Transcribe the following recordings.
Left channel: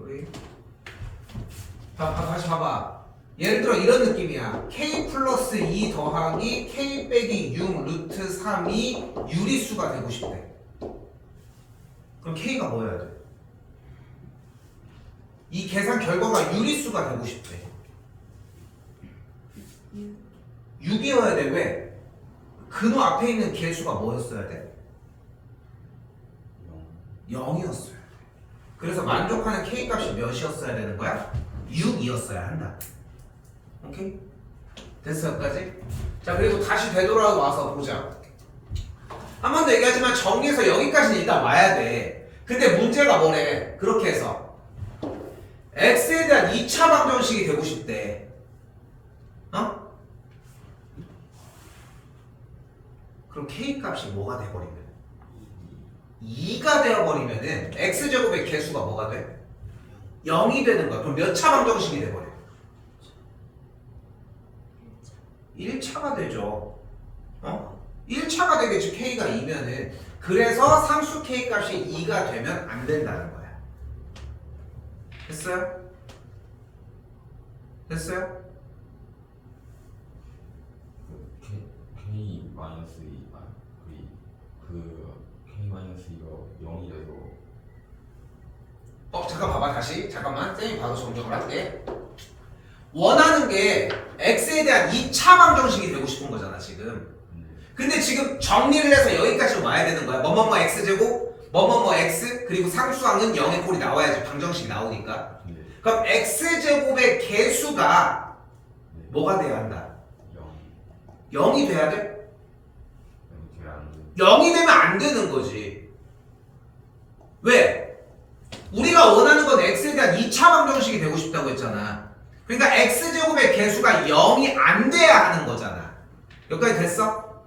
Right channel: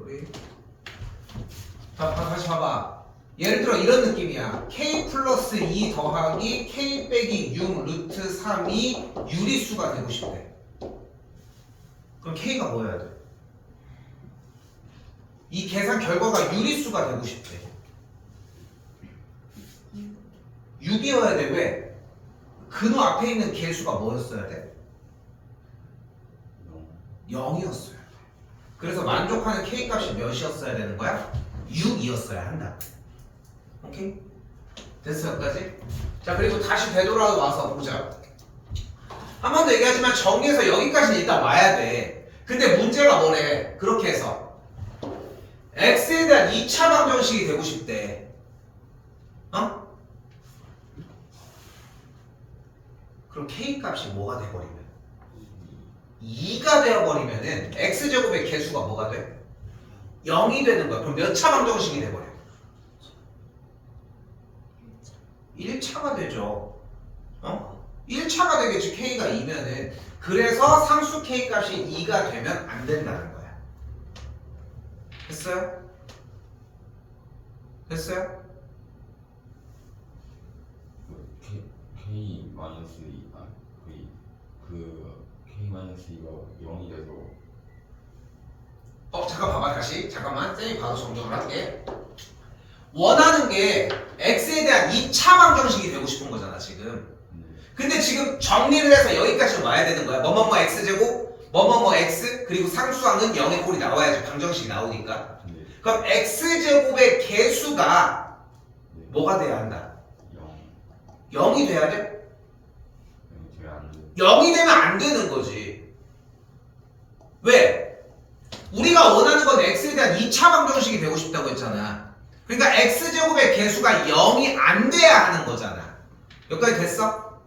소리. 다시 봐봐. 예를 들어 이런 느낌이야. k 플러스 2 더하기 k 빼기 6 루트 3이 유리수가 되고 싶대. 그럼 k가 뭐여야 돼? 이 계산 결과가 유리수가 되고 싶대. 6이어야 돼. 왜? 근호 앞에 있는 개수가 뭐였어야 돼? 0이었어야 돼. 그래서 만족하는 k 값이 몇이었어야 되는 거야? 6이었어야 한다. 오케이? 됐어 여기까지? 자 그리고 다시 되돌아와서 보자. 한 번 더 얘기하지만 정리해서 여기까지는 일단 와야 돼. 근데 문제가 뭐래? 그렇게 해서 x에 대한 2차 방정식이 되고 싶대. 어? 그럼 k 값이 뭐가 돼버리면 2가 되어버리면은 x제곱의 개수가 뭐가 돼? 0이 되는 거야. 그럼 몇 차 방정식이 돼버려? 1차가 되죠. 어? 1차가 되겠지. k가 2면은. 그래서 상수 k 값이 2가 되면 안 된다는 거야. 됐어요? 됐어요? K 마이너스 2, K 마이너스 2가 0이 돼서 잠깐 봐봐 다시. 잠깐만. 쌤이 바로 정정을 할게. 원하는 게 x에 대한 2차 방정식이 되고 싶은 거잖아 지금. 근데 지금 정리를 해서 여기까지 와야 되는 거야. 뭐뭐뭐 x제곱 뭐뭐뭐 x 그리고 상수항은 0의 꼴이 나와야지 방정식이 나오니까. 그럼 x제곱의 개수가 뭐가 돼야 한다? 0이 돼야 돼? 0이 되면 안 되는 거지. 왜? 우리가 원하는 건 x에 대한 2차 방정식이 되고 싶다고 했잖아. 그러니까 x제곱의 개수가 0이 안 돼야 하는 거잖아. 여기까지 됐어?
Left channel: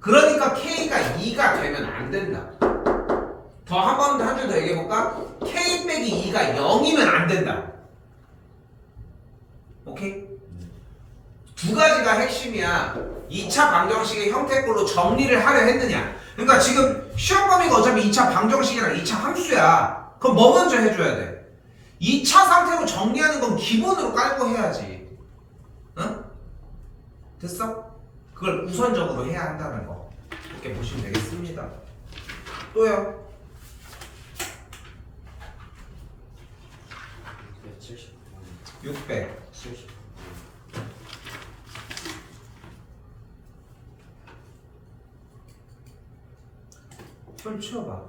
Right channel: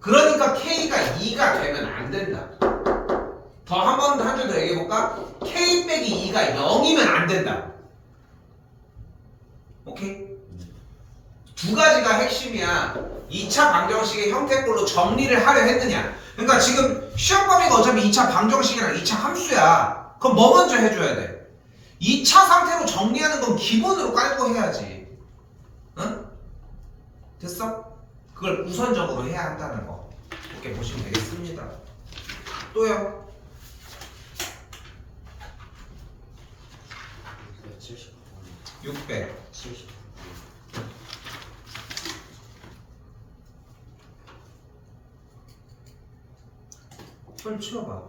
그러니까 k가 2가 되면 안 된다. 더 한 번 더 한 줄 더 얘기해볼까? k 빼기 2가 0이면 안 된다. 오케이? 두 가지가 핵심이야. 2차 방정식의 형태꼴로 정리를 하려 했느냐. 그러니까 지금 시험 범위가 어차피 2차 방정식이랑 2차 함수야. 그럼 뭐 먼저 해줘야 돼? 2차 상태로 정리하는 건 기본으로 깔고 해야지. 응? 됐어? 그걸 우선적으로 해야 한다는 거. 이렇게 보시면 되겠습니다. 또요? 600. 손 치워봐.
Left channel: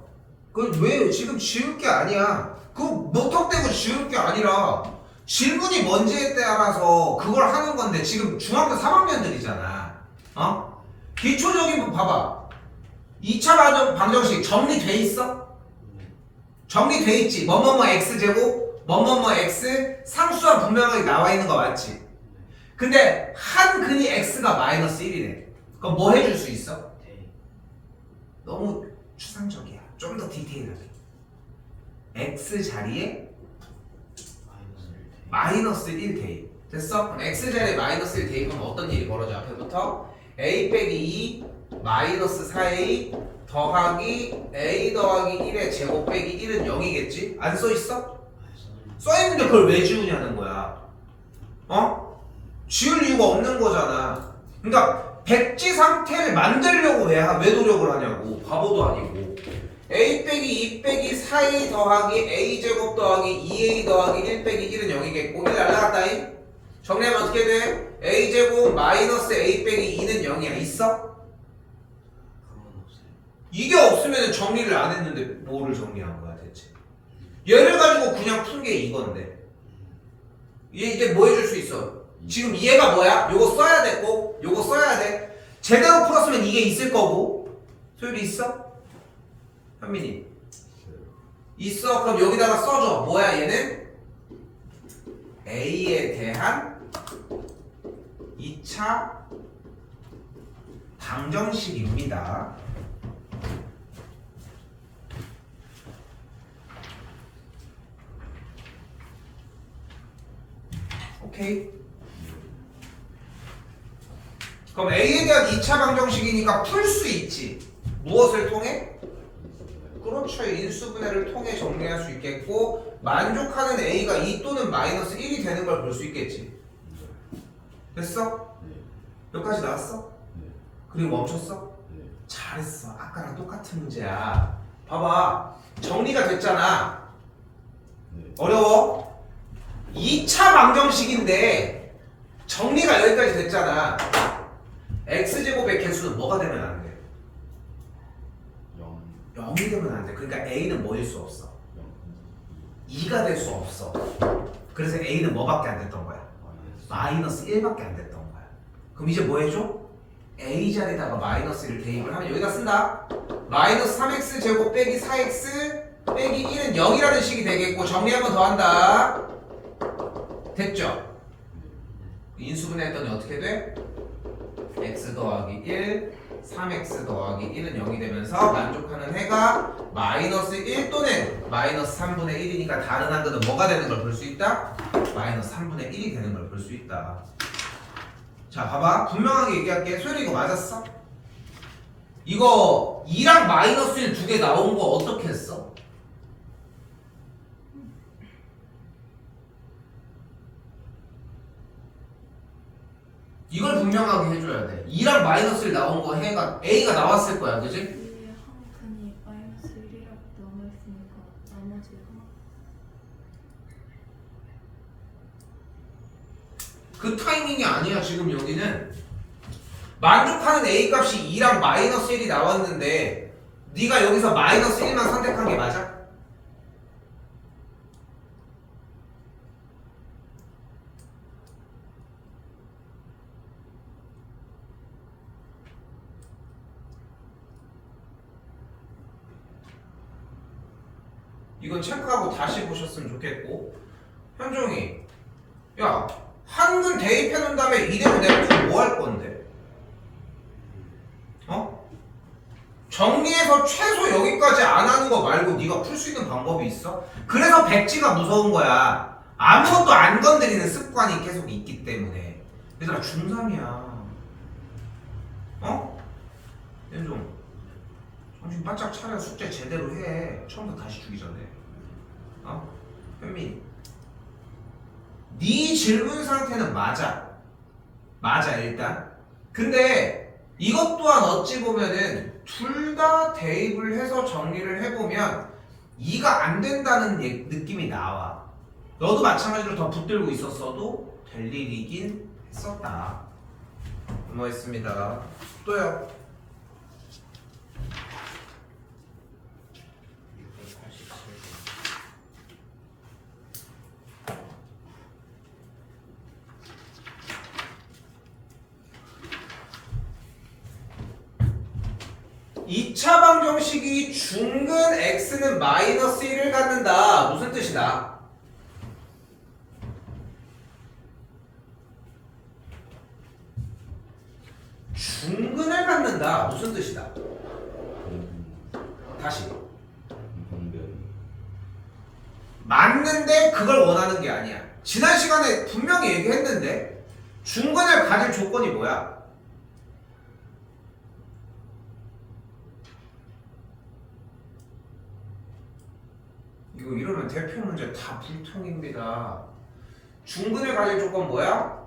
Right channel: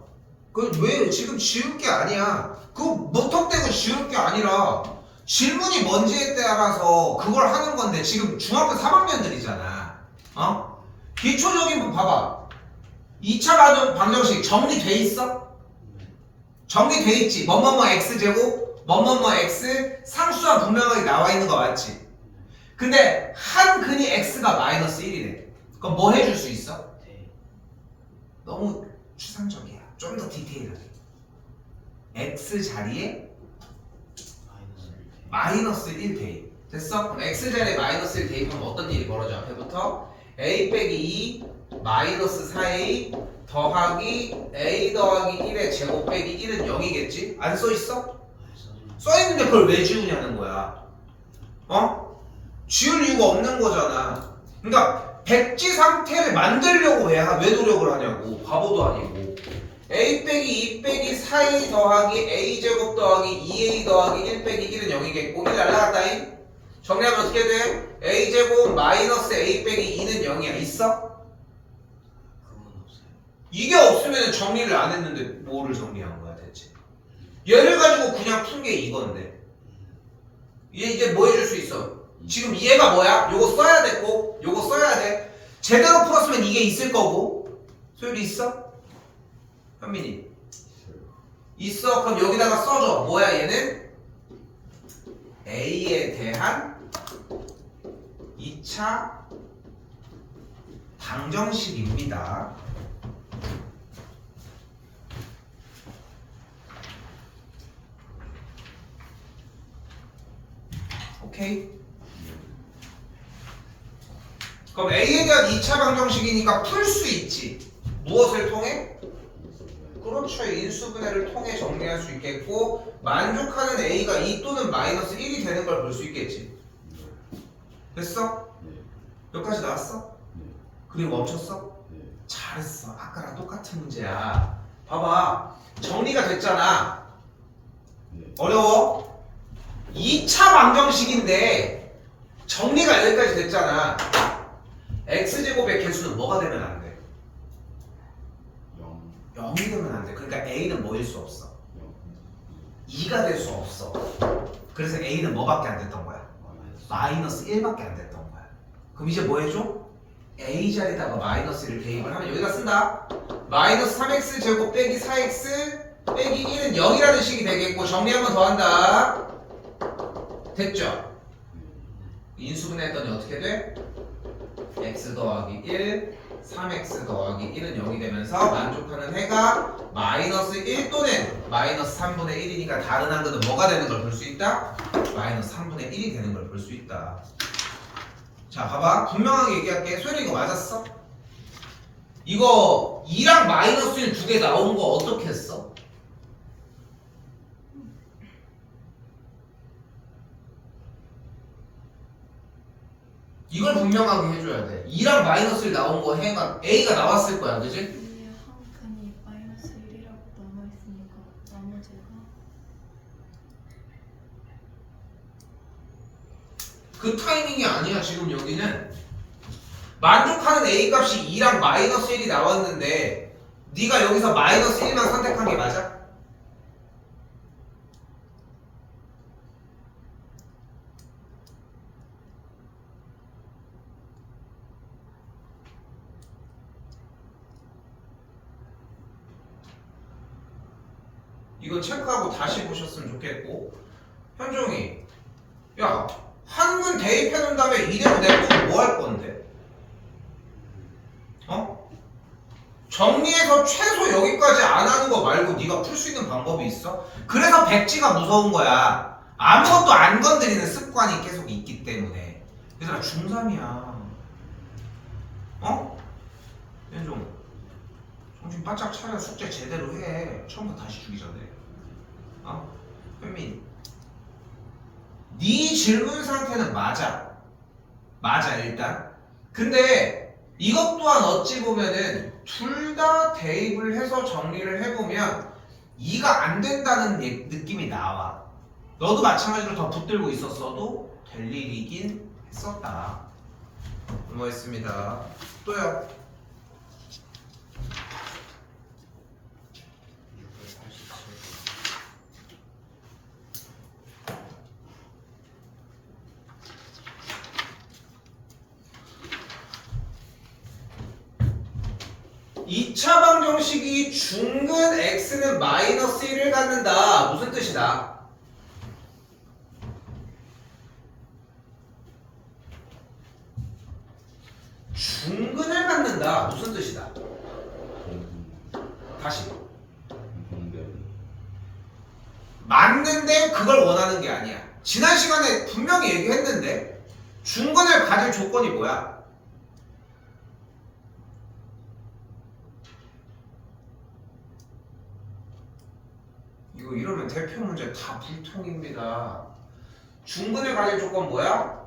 그건 왜 지금 지울 게 아니야. 그거 무턱대고 지울 게 아니라 질문이 뭔지에 따라서 그걸 하는 건데 지금 중학교 3학년들이잖아. 어? 기초적인 거 봐봐. 2차 방정식 정리돼 있어? 정리돼 있지. 뭐뭐뭐 x제곱 뭐뭐뭐 x 상수와 분명하게 나와 있는 거 맞지? 근데 한 근이 x가 마이너스 1이래. 그럼 뭐 해줄 수 있어? 너무 추상적이야. 좀 더 디테일하게. x 자리에 마이너스 1 대입. 됐어? 그럼 x 자리에 마이너스 1 대입하면 어떤 일이 벌어져? 앞에부터 a 빼기 2 마이너스 4a 더하기 a 더하기 1의 제곱 빼기 1은 0이겠지? 안 써있어? 써있는데 그걸 왜 지우냐는 거야. 어? 지울 이유가 없는 거잖아. 그러니까 백지 상태를 만들려고 왜 노력을 하냐고. 바보도 아니고. a 빼기 2 빼기 4a 더하기 a 제곱 더하기 2a 더하기 1 빼기 1은 0이겠고 1 날라갔다잉. 정리하면 어떻게 돼? a 제곱 마이너스 a 빼기 2는 0이야. 있어? 이게 없으면 정리를 안 했는데 뭐를 정리한 거야 대체? 얘를 가지고 그냥 푼 게 이건데 얘 이제 뭐 해줄 수 있어? 지금 얘가 뭐야? 요거 써야 됐고 요거 써야 돼. 제대로 풀었으면 이게 있을 거고. 소율이 있어? 현민이 있어? 그럼 여기다가 써줘. 뭐야 얘는? A에 대한 2차 방정식입니다. 오케이? 그럼 A에 대한 2차 방정식이니까 풀 수 있지. 무엇을 통해? 그렇죠. 인수분해를 통해 정리할 수 있겠고 만족하는 A가 2 또는 마이너스 1이 되는 걸 볼 수 있겠지. 됐어? 네. 여기까지 나왔어? 네. 그리고 멈췄어? 네. 잘했어. 아까랑 똑같은 문제야. 봐봐. 정리가 됐잖아. 네. 어려워? 2차 방정식인데 정리가 여기까지 됐잖아. x제곱의 개수는 뭐가 되면 안 돼? 0. 0이 되면 안 돼. 그러니까 a는 뭐일 수 없어? 0. 2가 될 수 없어. 그래서 a는 뭐밖에 안 됐던 거야? 마이너스 1밖에 안 됐던 거야. 그럼 이제 뭐 해줘? a 자리에다가 마이너스를 대입을 하면 여기다 쓴다. 마이너스 3x 제곱 빼기 4x 빼기 1은 0이라는 식이 되겠고 정리 한 번 더 한다. 됐죠? 인수분해 했더니 어떻게 돼? x 더하기 1 3x 더하기 1은 0이 되면서 만족하는 해가 마이너스 1 또는 마이너스 3분의 1이니까 다른 한글은 뭐가 되는 걸 볼 수 있다? 마이너스 3분의 1이 되는 걸 볼 수 있다. 자 봐봐 분명하게 얘기할게. 소율이 이거 맞았어? 이거 2랑 마이너스 1 두 개 나온 거 어떻게 했어? 이걸 분명하게 해줘야 돼. 2랑 마이너스 1 나온 거 해가 A가 나왔을 거야, 그지? 위에 한 칸이 마이너스 1이라고 남아있으니까 나머지가 그 타이밍이 아니야. 지금 여기는 만족하는 A 값이 2랑 마이너스 1이 나왔는데 네가 여기서 마이너스 1만 선택한 게 맞아? 이건 체크하고 다시 보셨으면 좋겠고. 현종이 야 한문 대입해 놓은 다음에 이대로 내보면 뭐 할 건데? 어? 정리해서 최소 여기까지 안 하는 거 말고 네가 풀 수 있는 방법이 있어? 그래서 백지가 무서운 거야. 아무것도 안 건드리는 습관이 계속 있기 때문에. 얘들아 중3이야. 어? 현종 정신 바짝 차려. 숙제 제대로 해. 처음부터 다시 주기 전에. 어? 현민 네 질문 상태는 맞아. 맞아 일단. 근데 이것 또한 어찌 보면은 둘 다 대입을 해서 정리를 해보면 2가 안 된다는 느낌이 나와. 너도 마찬가지로 더 붙들고 있었어도 될 일이긴 했었다. 고맙습니다. 또요. 2차 방정식이 중근 x는 마이너스 1을 갖는다. 무슨 뜻이다? 중근을 갖는다. 무슨 뜻이다? 다시. 맞는데 그걸 원하는 게 아니야. 지난 시간에 분명히 얘기했는데 중근을 가질 조건이 뭐야? 이거 이러면 대표 문제 다 불통입니다. 중근을 가질 조건 뭐야?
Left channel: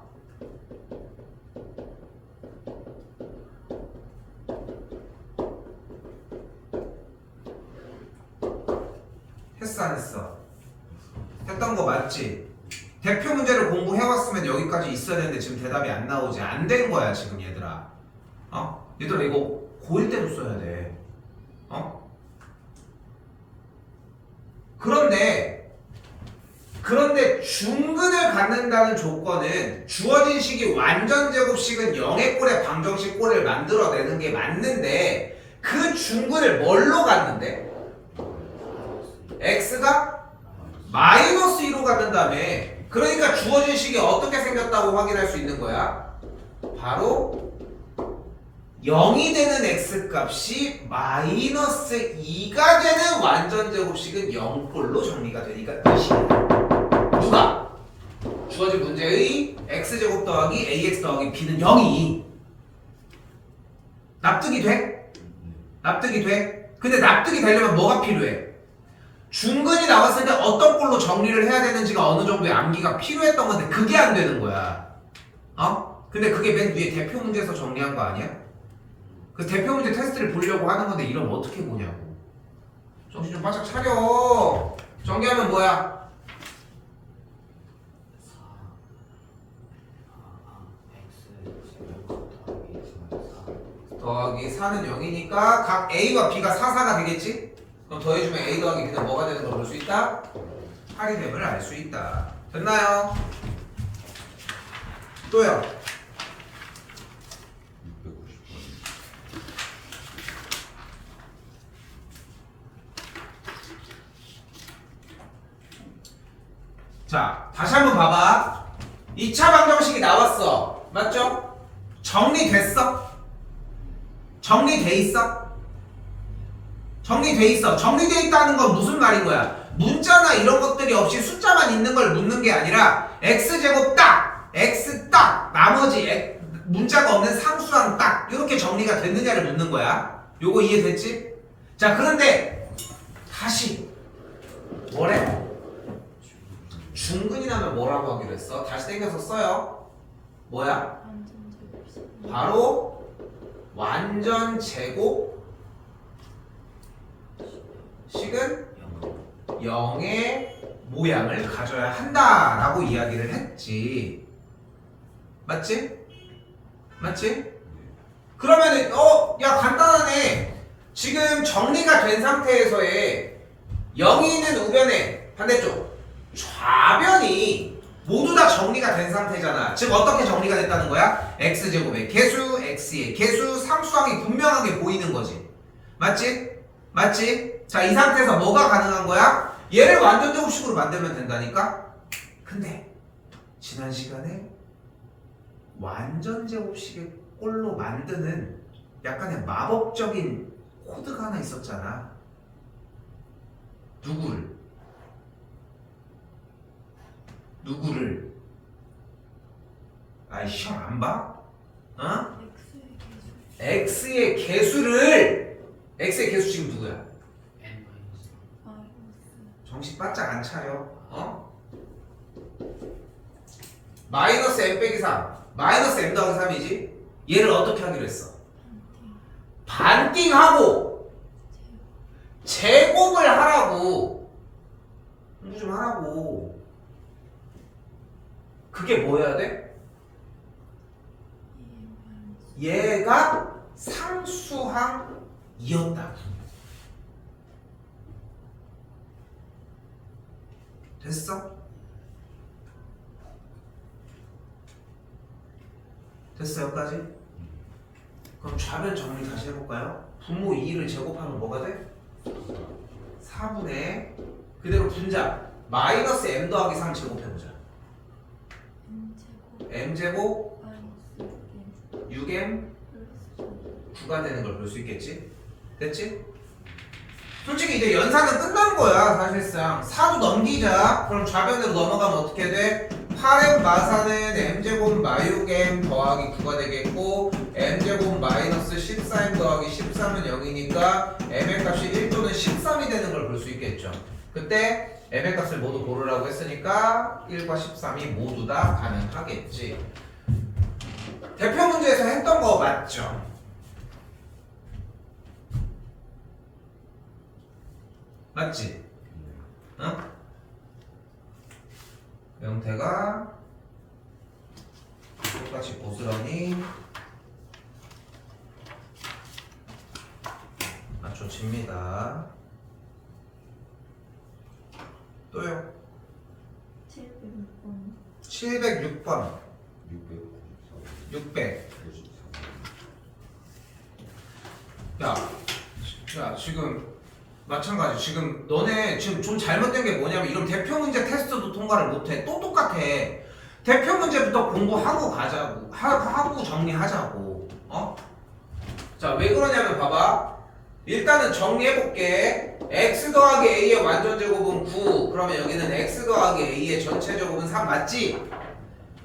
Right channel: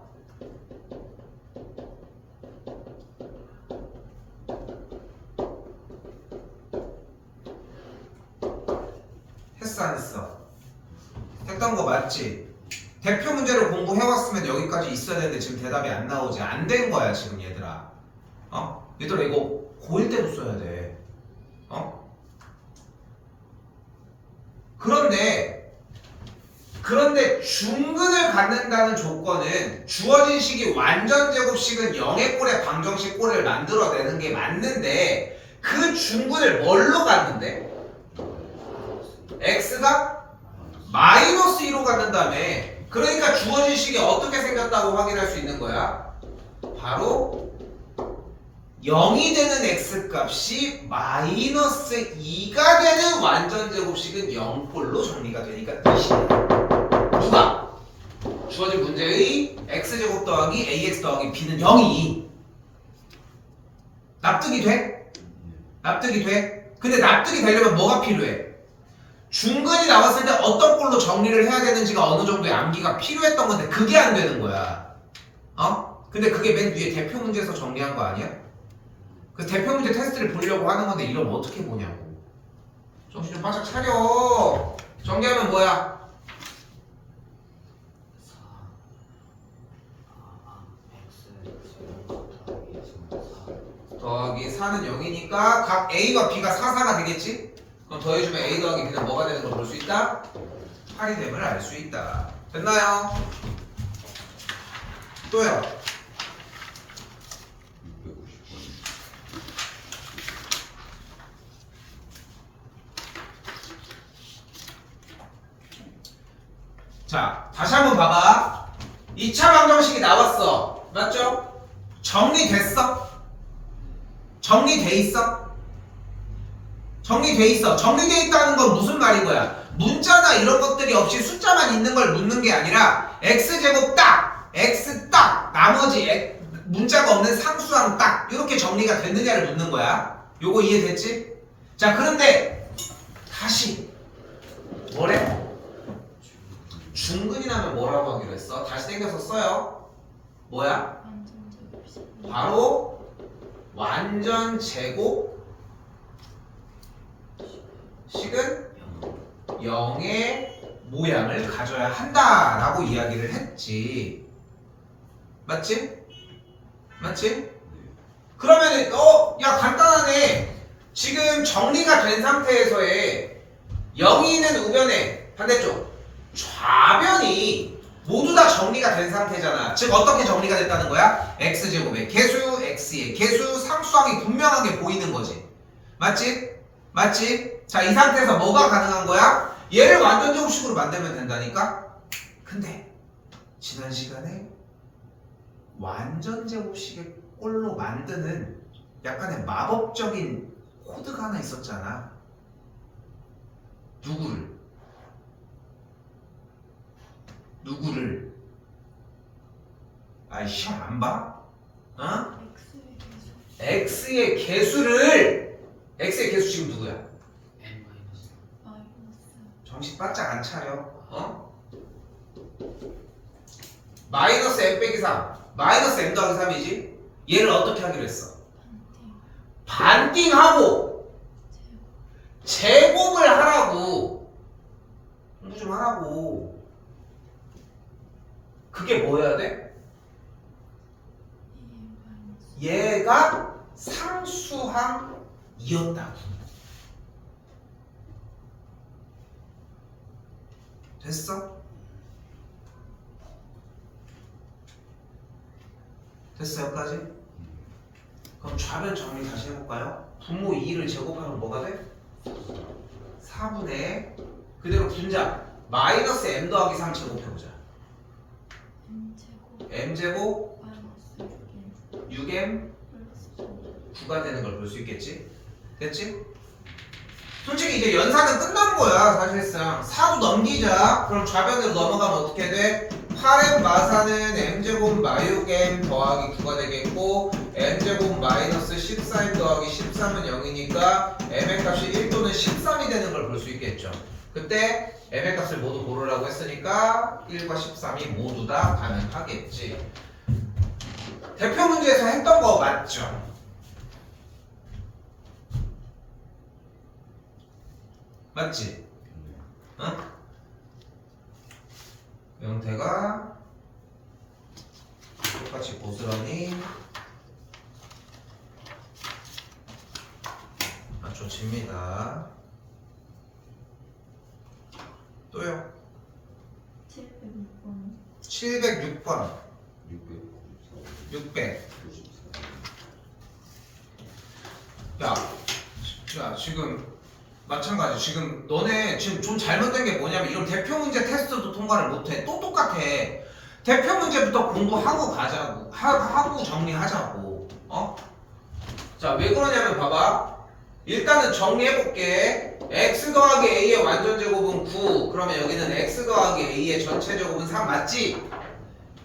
했어 안 했어? 했던 거 맞지? 대표 문제를 공부해왔으면 여기까지 있어야 되는데 지금 대답이 안 나오지. 안 된 거야 지금 얘들아. 어? 얘들아 이거 고1 때도 써야 돼. 어? 그런데 중근을 갖는다는 조건은 주어진 식이 완전 제곱식은 0의 꼴의 방정식 꼴을 만들어내는 게 맞는데 그 중근을 뭘로 갖는데? x가 마이너스 2로 갖는다며. 그러니까 주어진 식이 어떻게 생겼다고 확인할 수 있는 거야? 바로 0이 되는 x값이 마이너스 2가 되는 완전 제곱식은 0꼴로 정리가 되니까 뜻이야. 누가? 주어진 문제의 x제곱 더하기 ax 더하기 b는 0이 납득이 돼? 납득이 돼? 근데 납득이 되려면 뭐가 필요해? 중근이 나왔을 때 어떤 꼴로 정리를 해야 되는지가 어느 정도의 암기가 필요했던 건데 그게 안 되는 거야. 근데 그게 맨 위에 대표 문제에서 정리한 거 아니야? 그 대표 문제 테스트를 보려고 하는 건데 이러면 어떻게 보냐고. 정신 좀 바짝 차려. 정리하면 뭐야? 더하기 4는 0이니까 각 A와 B가 4, 4가 되겠지? 그럼 더해주면 A 더하기 B는 뭐가 되는 걸 볼 수 있다? 8이 됨을 알 수 있다. 됐나요? 또요. 650번. 자, 다시 한번 봐봐. 2차 방정식이 나왔어. 맞죠? 정리됐어? 정리돼 있어? 정리돼 있어. 정리돼 있다는 건 무슨 말인 거야? 문자나 이런 것들이 없이 숫자만 있는 걸 묻는 게 아니라 x제곱 딱, x 딱, 나머지 문자가 없는 상수항 딱 이렇게 정리가 됐느냐를 묻는 거야. 요거 이해됐지? 자, 그런데 다시 뭐래? 중근이 나면 뭐라고 하기로 했어? 다시 당겨서 써요. 뭐야? 완전 제곱식. 바로 완전 제곱 식은 0의 모양을 가져야 한다라고 이야기를 했지. 맞지? 맞지? 그러면은 야 간단하네. 지금 정리가 된 상태에서의 0이 있는 우변의 반대쪽 좌변이 모두 다 정리가 된 상태잖아. 즉 어떻게 정리가 됐다는 거야? x제곱의 개수, x의 개수, 상수항이 분명하게 보이는 거지. 맞지? 맞지? 자, 이 상태에서 뭐가 가능한 거야? 얘를 완전 제곱식으로 만들면 된다니까? 근데 지난 시간에 완전 제곱식의 꼴로 만드는 약간의 마법적인 코드가 하나 있었잖아. 누구를? 아이 시험 안 봐? x의 개수. x의 개수 지금 누구야? 마이너스. 정신 바짝 안 차려. 마이너스 m 빼기 3 마이너스 m 더하기 3이지? 얘를 어떻게 하기로 했어? 반띵. 반띵하고 제곱을 하라고. 공부 좀 하라고. 그게 뭐여야 돼? 얘가 상수항이었다고. 됐어? 됐어 여기까지? 그럼 좌변 정리 다시 해볼까요? 분모 2를 제곱하면 뭐가 돼? 4분의 그대로 분자 마이너스 m 더하기 3 제곱해보자. m제곱. m제곱 마이너스 6m 플러스 9가 되는 걸 볼 수 있겠지? 됐지? 솔직히 이제 연산은 끝난 거야 사실상. 4도 넘기자. 그럼 좌변으로 넘어가면 어떻게 돼? 8m 마사는 m제곱 마육m 더하기 9가 되겠고 m제곱 마이너스 14m 더하기 13은 0이니까 m의 값이 1 또는 13이 되는 걸 볼 수 있겠죠. 그때 m의 값을 모두 고르라고 했으니까 1과 13이 모두 다 가능하겠지. 대표 문제에서 했던 거 맞죠? 맞지? 응? 형태가 똑같이 고스란히 맞춰집니다. 또요. 706번. 706번 600 야, 지금 마찬가지. 지금 너네 지금 좀 잘못된 게 뭐냐면 이런 대표 문제 테스트도 통과를 못해. 또 똑같아. 대표 문제부터 공부하고 가자고. 하고 정리하자고. 자, 왜 그러냐면 봐봐. 일단은 정리해볼게. x 더하기 a의 완전 제곱은 9. 그러면 여기는 x 더하기 a의 전체 제곱은 3 맞지?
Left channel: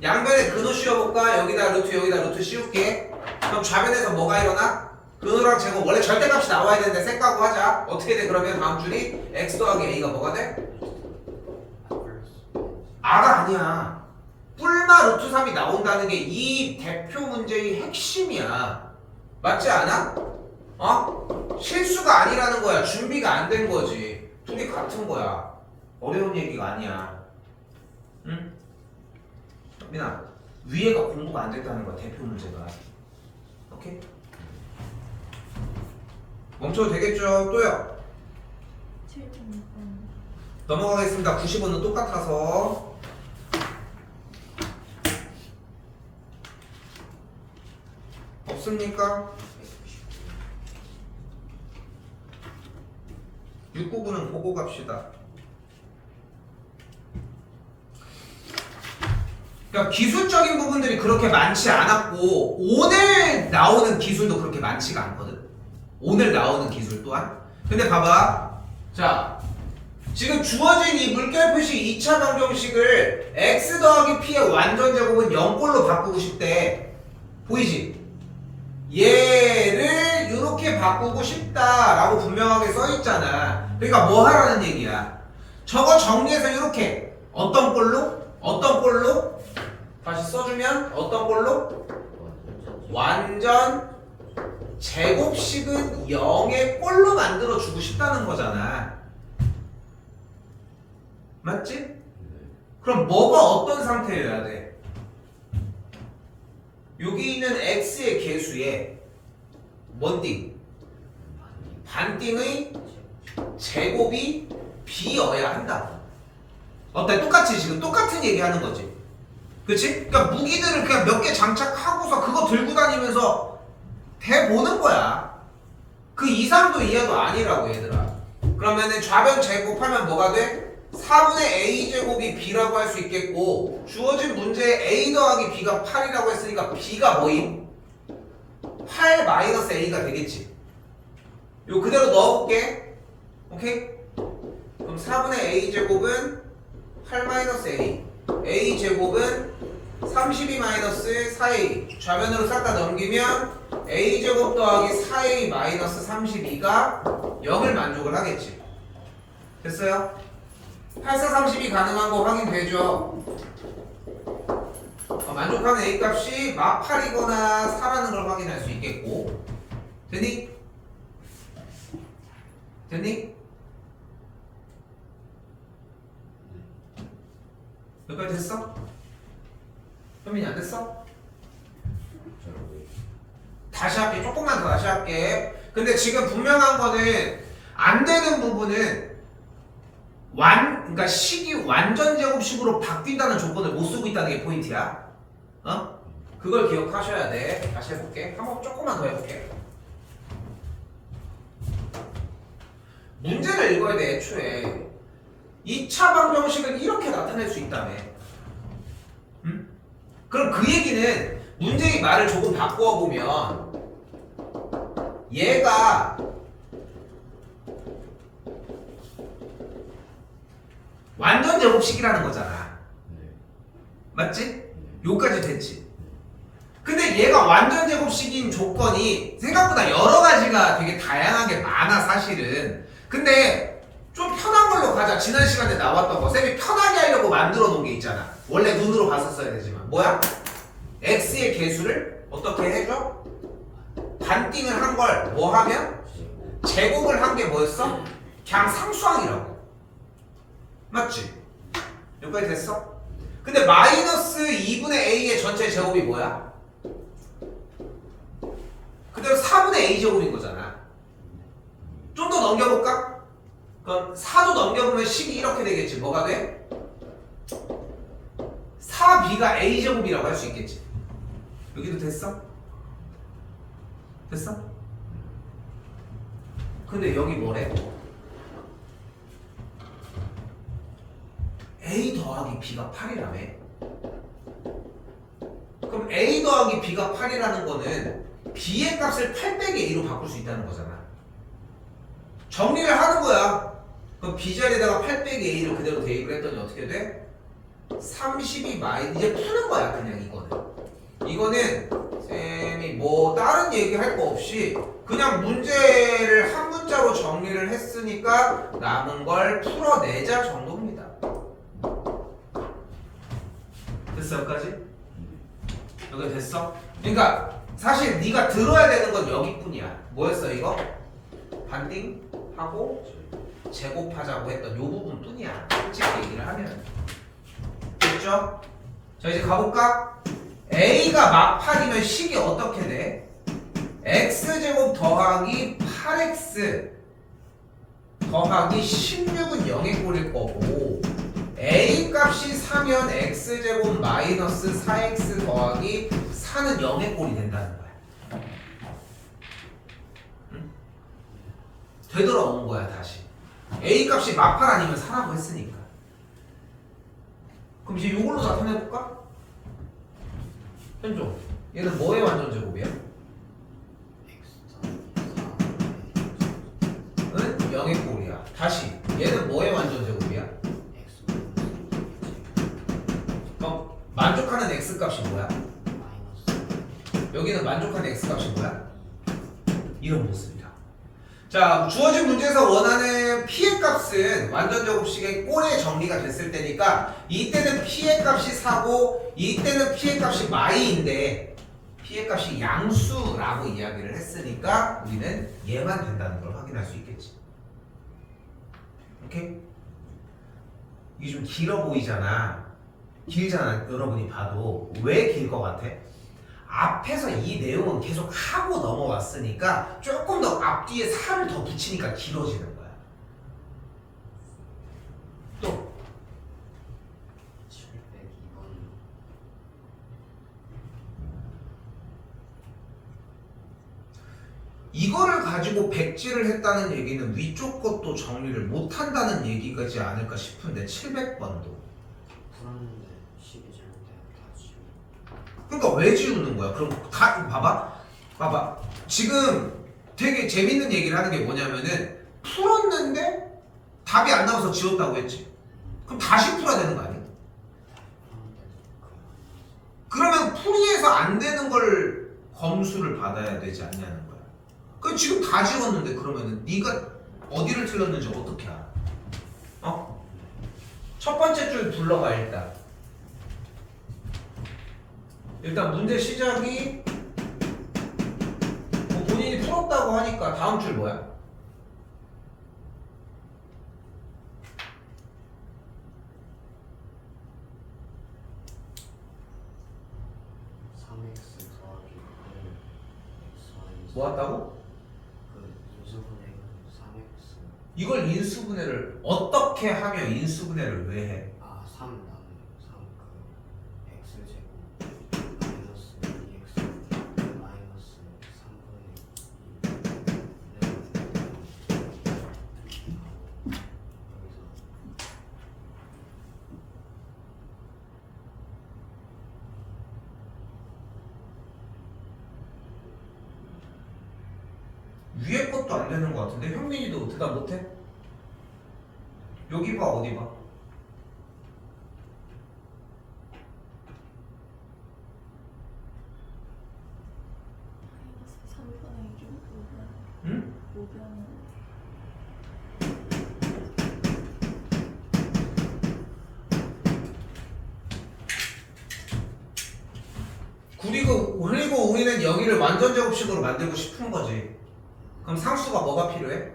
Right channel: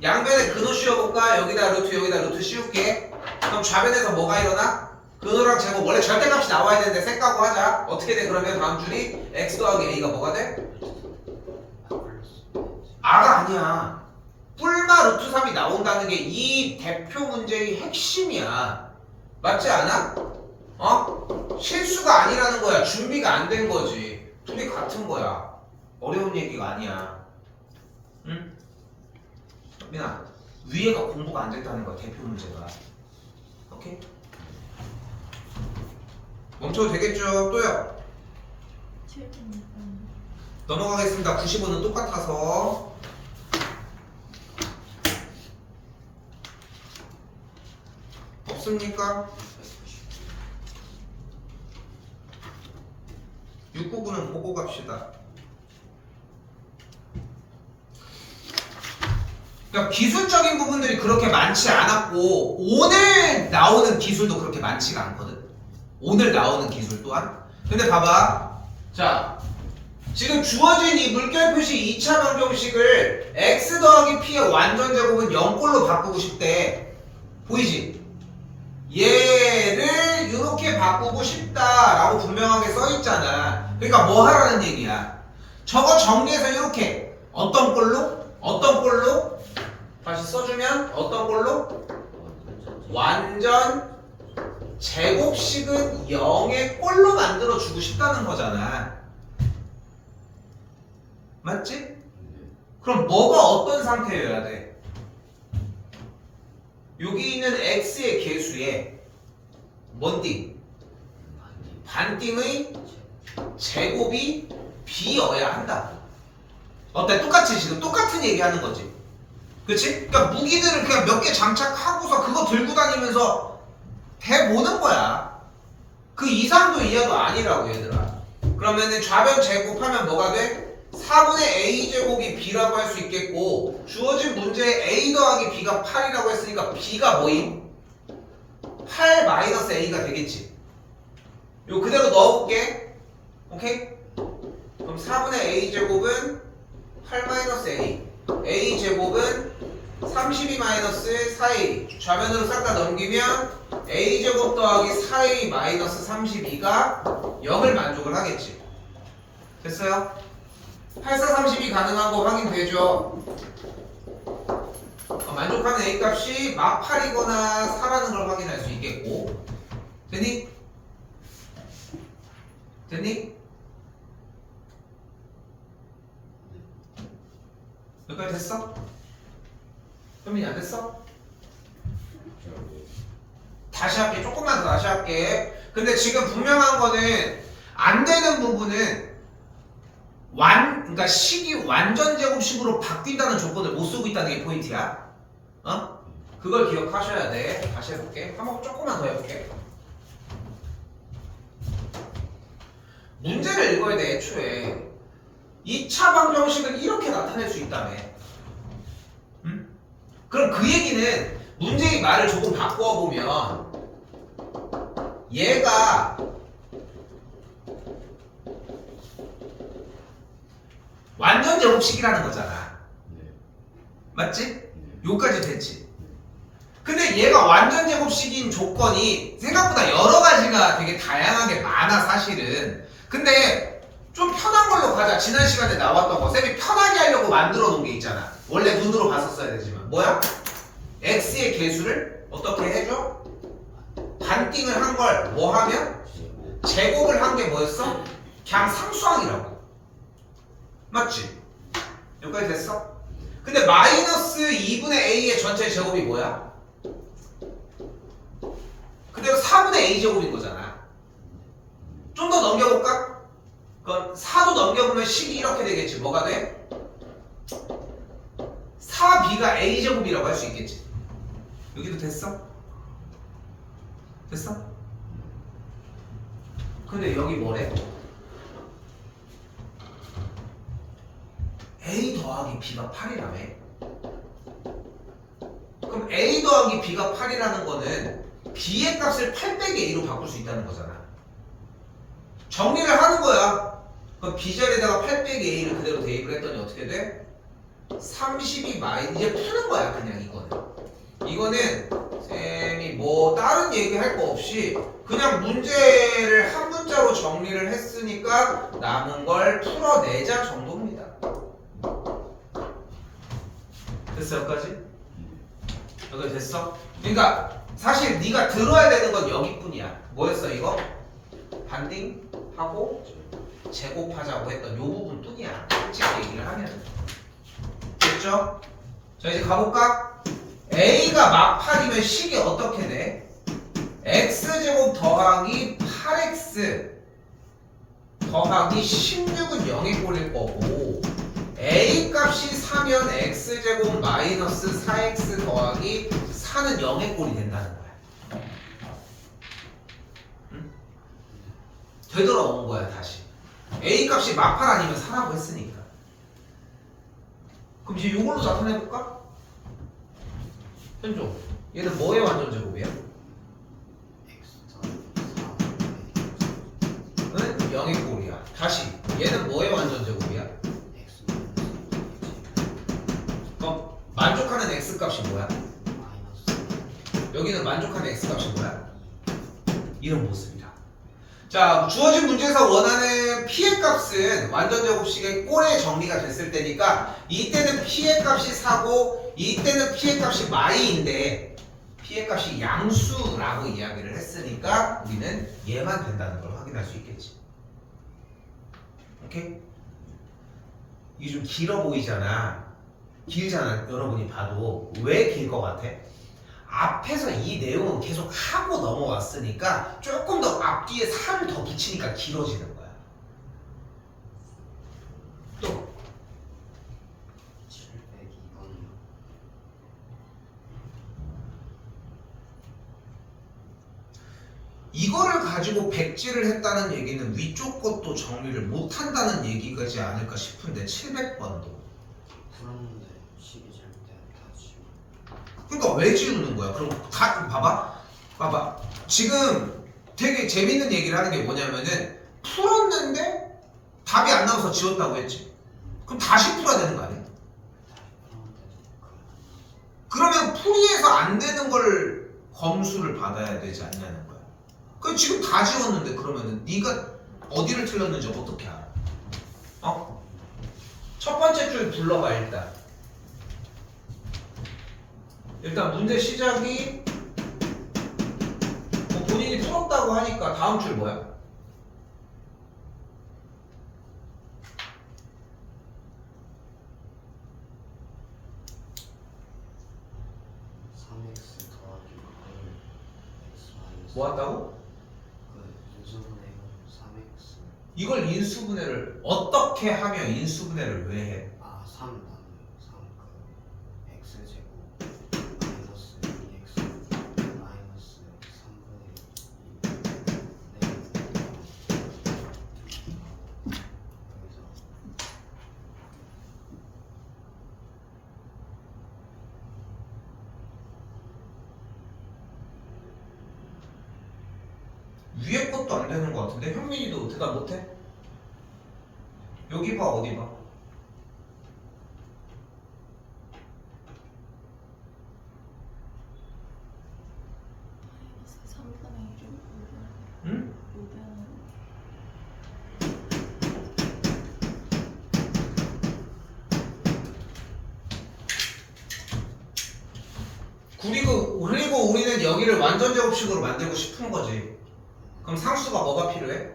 양변에 근호 씌워볼까? 여기다 루트 여기다 루트 씌울게. 그럼 좌변에서 뭐가 일어나? 근호랑 제곱 원래 절대값이 나와야 되는데 쌩까고 하자. 어떻게 돼? 그러면 다음 줄이 x 더하기 a가 뭐가 돼? r가 아니야. 뿔마 루트 3이 나온다는 게 이 대표 문제의 핵심이야. 맞지 않아? 어? 실수가 아니라는 거야. 준비가 안 된 거지. 둘이 같은 거야. 어려운 얘기가 아니야. 응? 민아, 위에가 공부가 안 됐다는 거야. 대표 문제가. 오케이? 멈춰도 되겠죠? 또요. 7.6번. 넘어가겠습니다. 95는 똑같아서. 없습니까? 699는 보고 갑시다. 그러니까 기술적인 부분들이 그렇게 많지 않았고 오늘 나오는 기술도 그렇게 많지가 않거든. 오늘 나오는 기술 또한. 근데 봐봐. 자, 지금 주어진 이 물결 표시 2차 방정식을 x 더하기 p의 완전 제곱은 0꼴로 바꾸고 싶대. 보이지? 얘를 이렇게 바꾸고 싶다라고 분명하게 써 있잖아. 그러니까 뭐 하라는 얘기야? 저거 정리해서 이렇게 어떤 꼴로? 어떤 꼴로? 다시 써주면 어떤 꼴로? 완전 제곱식은 0의 꼴로 만들어 주고 싶다는 거잖아. 맞지? 그럼 뭐가 어떤 상태여야 돼? 여기 있는 x의 개수에 뭔 띵? 반띵의 제곱이 b여야 한다. 어때? 똑같이 지금 똑같은 얘기 하는 거지. 그치? 그러니까 무기들을 그냥 몇 개 장착하고서 그거 들고 다니면서 대보는 거야. 그 이상도 이하도 아니라고 얘들아. 그러면은 좌변 제곱하면 뭐가 돼? 4분의 a 제곱이 b라고 할 수 있겠고 주어진 문제에 a 더하기 b가 8이라고 했으니까 b가 뭐임? 8 마이너스 a가 되겠지. 요 그대로 넣어볼게. 오케이? 그럼 4분의 a 제곱은 8 마이너스 a 제곱은 32 마이너스 4a 좌변으로 싹 다 넘기면 a 제곱 더하기 4a 마이너스 32가 0을 만족을 하겠지. 됐어요? 8, 4, 32 가능한 거 확인되죠? 만족하는 a 값이 막 8이거나 4라는 걸 확인할 수 있겠고. 됐니? 됐니? 여기까지 됐어? 현민이 안 됐어? 다시 할게. 조금만 더 다시 할게. 근데 지금 분명한 거는 안 되는 부분은 그러니까 식이 완전 제곱식으로 바뀐다는 조건을 못 쓰고 있다는 게 포인트야. 어? 그걸 기억하셔야 돼. 다시 해볼게. 한번 조금만 더 해볼게. 문제를 읽어야 돼. 애초에 2차 방정식을 이렇게 나타낼 수 있다며. 응? 그럼 그 얘기는 문제의 말을 조금 바꾸어 보면 얘가 완전 제곱식이라는 거잖아. 맞지? 요까지 됐지. 근데 얘가 완전 제곱식인 조건이 생각보다 여러 가지가 되게 다양하게 많아 사실은. 근데 좀 편한 걸로 가자. 지난 시간에 나왔던 거 쌤이 편하게 하려고 만들어 놓은 게 있잖아. 원래 눈으로 봤었어야 되지만 뭐야? x의 개수를 어떻게 해줘? 반띵을 한 걸 뭐 하면? 제곱을 한 게 뭐였어? 그냥 상수항이라고. 맞지? 여기까지 됐어? 근데 마이너스 2분의 a의 전체 제곱이 뭐야? 그대로 4분의 a 제곱인 거잖아. 좀 더 넘겨볼까? 그럼 4도 넘겨보면 식이 이렇게 되겠지. 뭐가 돼? 4b가 a 제곱이라고 할 수 있겠지. 여기도 됐어? 됐어? 근데 여기 뭐래? a 더하기 b가 8이라며. 그럼 a 더하기 b가 8이라는 거는 b의 값을 8 빼기 a로 바꿀 수 있다는 거잖아. 정리를 하는 거야. 그럼 b 자리에다가 8 빼기 a를 그대로 대입을 했더니 어떻게 돼? 32 마이너스 이제 푸는 거야 그냥 이거는. 이거는 쌤이 뭐 다른 얘기할 거 없이 그냥 문제를 한 문자로 정리를 했으니까 남은 걸 풀어내자 정도입니다. 됐어 여기까지? 여기 됐어? 그러니까 사실 네가 들어야 되는 건 여기뿐이야. 뭐였어 이거? 반딩하고 제곱하자고 했던 요 부분뿐이야. 솔직히 얘기를 하면. 됐죠? 자 이제 가볼까? A가 막 8이면 식이 어떻게 돼? X제곱 더하기 8X 더하기 16은 0에 꼴릴 거고 A 값이 4면 X제곱 마이너스 4X 더하기 4는 0에 꼴이 된다는 거야. 응? 되돌아온 거야 다시. A 값이 막 8 아니면 4라고 했으니까. 그럼 이제 이걸로 나타내볼까? 현종, 얘는 뭐의 완전 제곱이야? 은 0의 꼴이야. 다시, 얘는 뭐의 완전 제곱이야? 그럼 만족하는 x 값이 뭐야? 여기는 만족하는 x 값이 뭐야? 이런 모습이다. 자, 주어진 문제에서 원하는 p의 값은 완전 제곱식의 꼴에 정리가 됐을 때니까 이때는 p의 값이 4고 이때는 p의 값이 마이인데 p의 값이 양수라고 이야기를 했으니까 우리는 얘만 된다는 걸 확인할 수 있겠지. 오케이? 이게 좀 길어 보이잖아. 길잖아. 여러분이 봐도. 왜 길 것 같아? 앞에서 이 내용은 계속 하고 넘어왔으니까 조금 더 앞뒤에 살을 더 붙이니까 길어지는 거야. 또 702번이요. 이거를 가지고 백지를 했다는 얘기는 위쪽 것도 정리를 못한다는 얘기가지 않을까 싶은데 700번도. 풀었는데 식이 잘못되었다 지금. 그러니까 왜 지우는 거야? 그럼 다 봐봐. 지금 되게 재밌는 얘기를 하는 게 뭐냐면은 풀었는데 답이 안 나와서 지웠다고 했지. 그럼 다시 풀어야 되는 거 아니야? 그러면 풀이해서 안 되는 걸 검수를 받아야 되지 않냐는 거야. 그럼 지금 다 지웠는데 그러면은 네가 어디를 틀렸는지 어떻게 알아? 어? 첫 번째 줄 불러봐 일단. 일단 문제 시작이 뭐 본인이 풀었다고 하니까 다음 줄 뭐야? 3x 더하기 1x 마이너스 뭐 한다고? 그 인수분해 해가지고 3x 이걸 인수분해를 어떻게 하면 인수분해를 왜 해? 3 나누면 3그 x제곱 마이너스 2x 마이너스 3분의 2 여기서 위에 것도 안 되는 것 같은데 현민이도 대답 못해? 여기 봐 어디 봐? 마이너스 3분의 1을 5변. 응? 5변. 그리고 우리는 여기를 완전 제곱식으로 만들고 싶은 거지. 그럼 상수가 뭐가 필요해?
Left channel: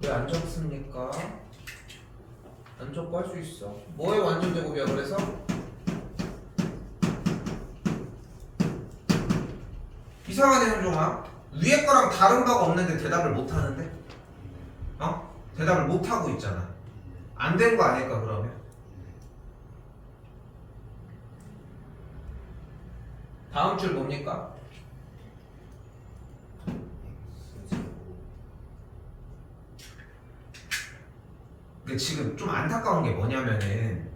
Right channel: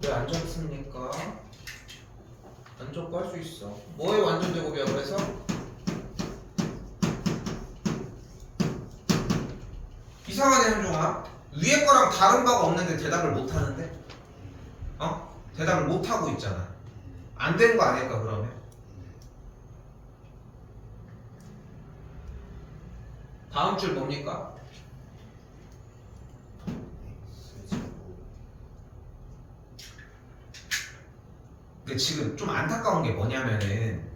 1 왜 안 적습니까? 안 적고 할 수 있어. 뭐의 완전 제곱이야 그래서? 이상하네 현종아. 위에 거랑 다른 바가 없는데 대답을 못 하는데? 어? 대답을 못 하고 있잖아. 안 된 거 아닐까 그러면? 다음 줄 뭡니까? x제곱 근데 지금 좀 안타까운 게 뭐냐면은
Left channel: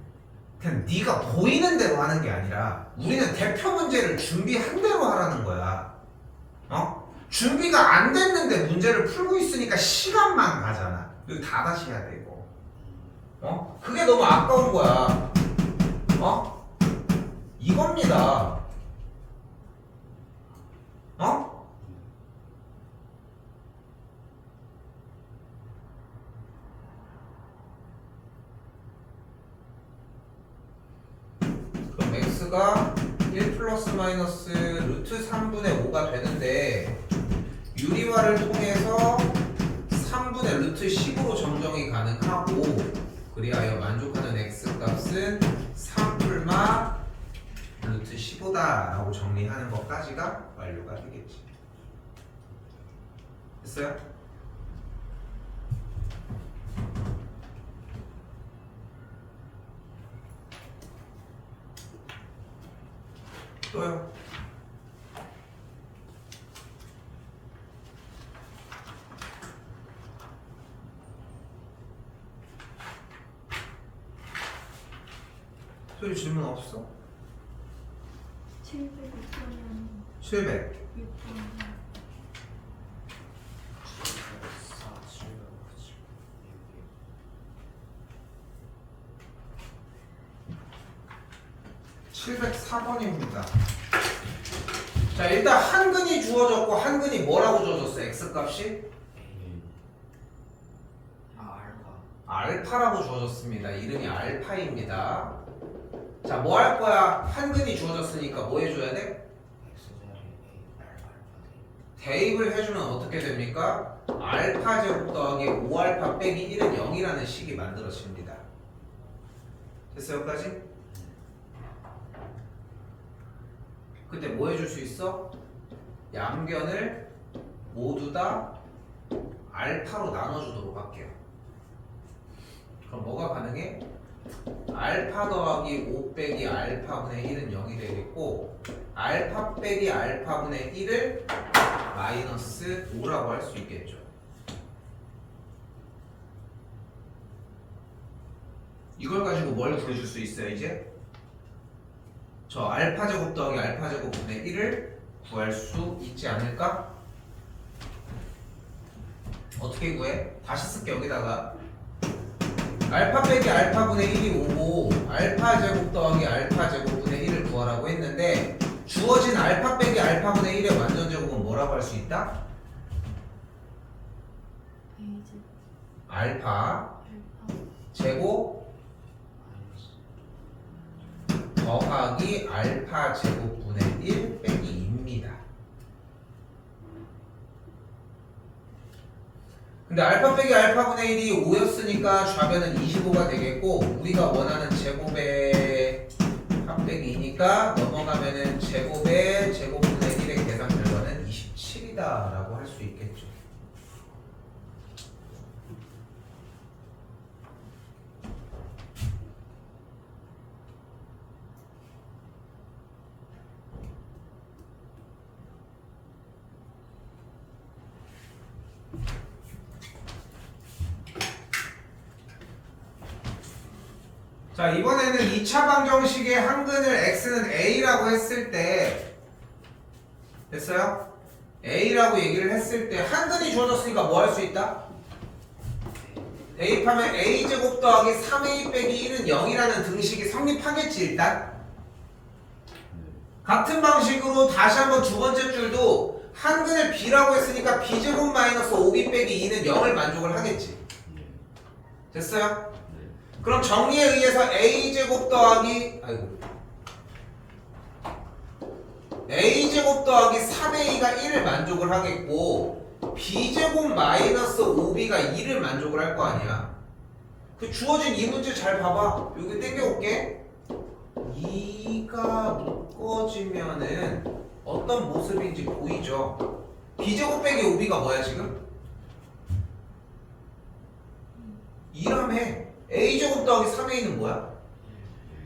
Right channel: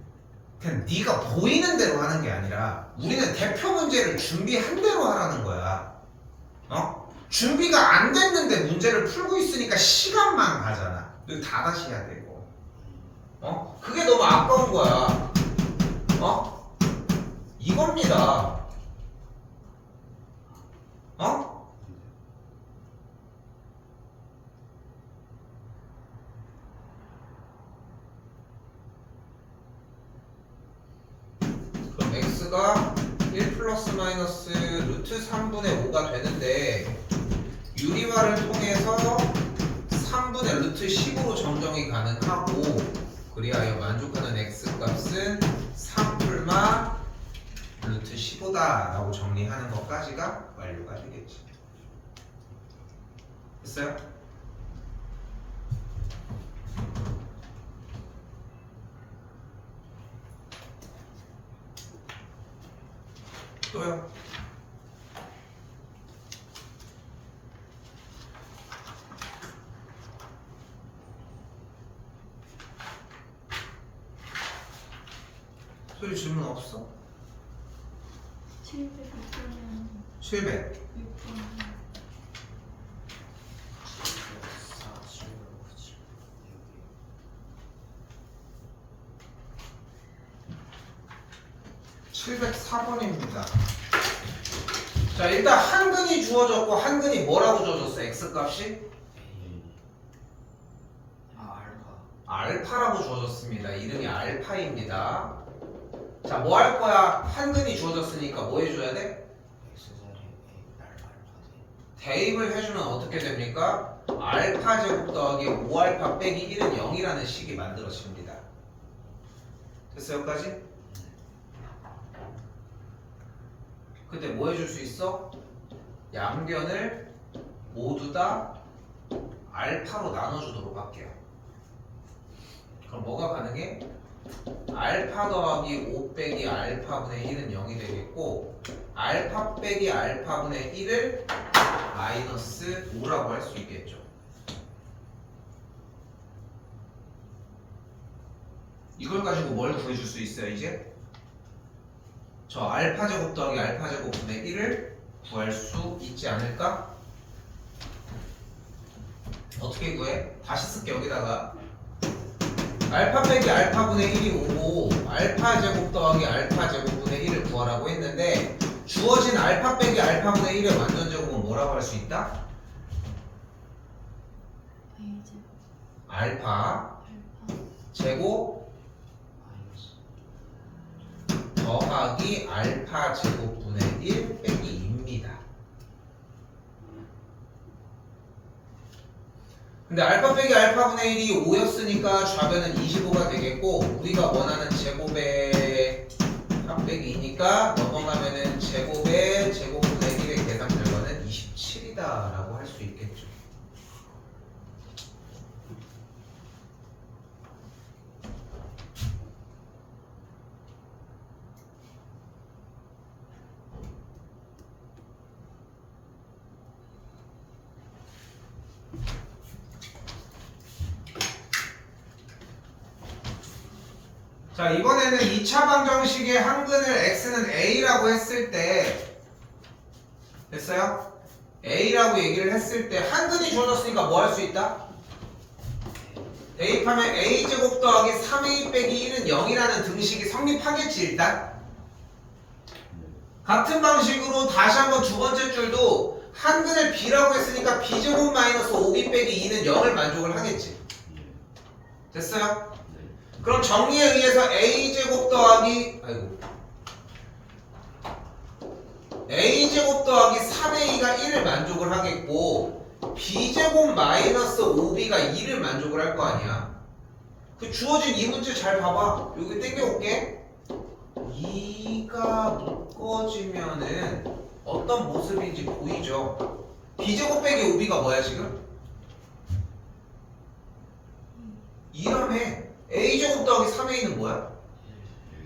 그냥 네가 보이는 대로 하는 게 아니라 우리는 대표 문제를 준비한 대로 하라는 거야. 어? 준비가 안 됐는데 문제를 풀고 있으니까 시간만 가잖아. 이거 다 다시 해야 되고. 어? 그게 너무 아까운 거야. 이겁니다. 어? 그럼 x가 1 플러스 마이너스 루트 3분의 5가 되는데 유리화를 통해서 3분의 루트 10으로 정정이 가능하고 그리하여 만족하는 x 값은 3풀마 루트 15다 라고 정리하는 것까지가 완료가 되겠지. 됐어요? 또요? 소리 질문 없어? 706번 700 6번 4 7 9 704번입니다. 자, 일단 한근이 주어졌고 한근이 뭐라고 주어졌어? x 값이? A 알파 알파라고 주어졌습니다. 이름이 알파입니다. 자, 뭐 할 거야? 한근이 주어졌으니까 뭐 해줘야 돼? x자리 A 알파 대입을 해주면 어떻게 됩니까? 알파 제곱 더하기 5알파 빼기 1은 0이라는 식이 만들어집니다. 됐어요? 여기까지? 근데 뭐 해줄 수 있어? 양변을 모두 다 알파로 나눠주도록 할게요. 그럼 뭐가 가능해? 알파 더하기 5 빼기 알파분의 1은 0이 되겠고 알파 빼기 알파분의 1을 마이너스 5라고 할 수 있겠죠. 이걸 가지고 뭘 구해줄 수 있어요 이제? 저 알파 제곱 더하기 알파 제곱분의 1을 구할 수 있지 않을까? 어떻게 구해? 다시 쓸게. 여기다가 알파 빼기 알파분의 1이 오고 알파 제곱 더하기 알파 제곱분의 1을 구하라고 했는데 주어진 알파 빼기 알파분의 1의 완전 제곱은 뭐라고 할 수 있다? A제 알파 알파 제곱 마이너스 더하기 알파 제곱분의 1 빼기 2입니다. 근데 알파 빼기 알파분의 1이 5였으니까 좌변은 25가 되겠고 우리가 원하는 제곱의 합빼기 2니까 넘어가면은 제곱의 제곱분의 1의 계산 결과는 27이다 라고 할 수 있겠죠. 자, 이번에는 2차 방정식의 한근을 x는 a라고 했을 때 됐어요? a라고 얘기를 했을 때 한근이 주어졌으니까 뭐 할 수 있다? 대입하면 a제곱 더하기 3a 빼기 1은 0이라는 등식이 성립하겠지 일단. 같은 방식으로 다시 한번 두 번째 줄도 한근을 b라고 했으니까 b제곱 마이너스 5b 빼기 2는 0을 만족을 하겠지. 됐어요? 그럼 정리에 의해서 a제곱 더하기 a제곱 더하기 3a가 1을 만족을 하겠고 b제곱 마이너스 5b가 2를 만족을 할 거 아니야. 그 주어진 이 문제 잘 봐봐. 여기 땡겨올게. 2가 묶어지면은 어떤 모습인지 보이죠? b제곱 빼기 5b가 뭐야 지금? 2라며. a제곱 더하기 3a는 뭐야?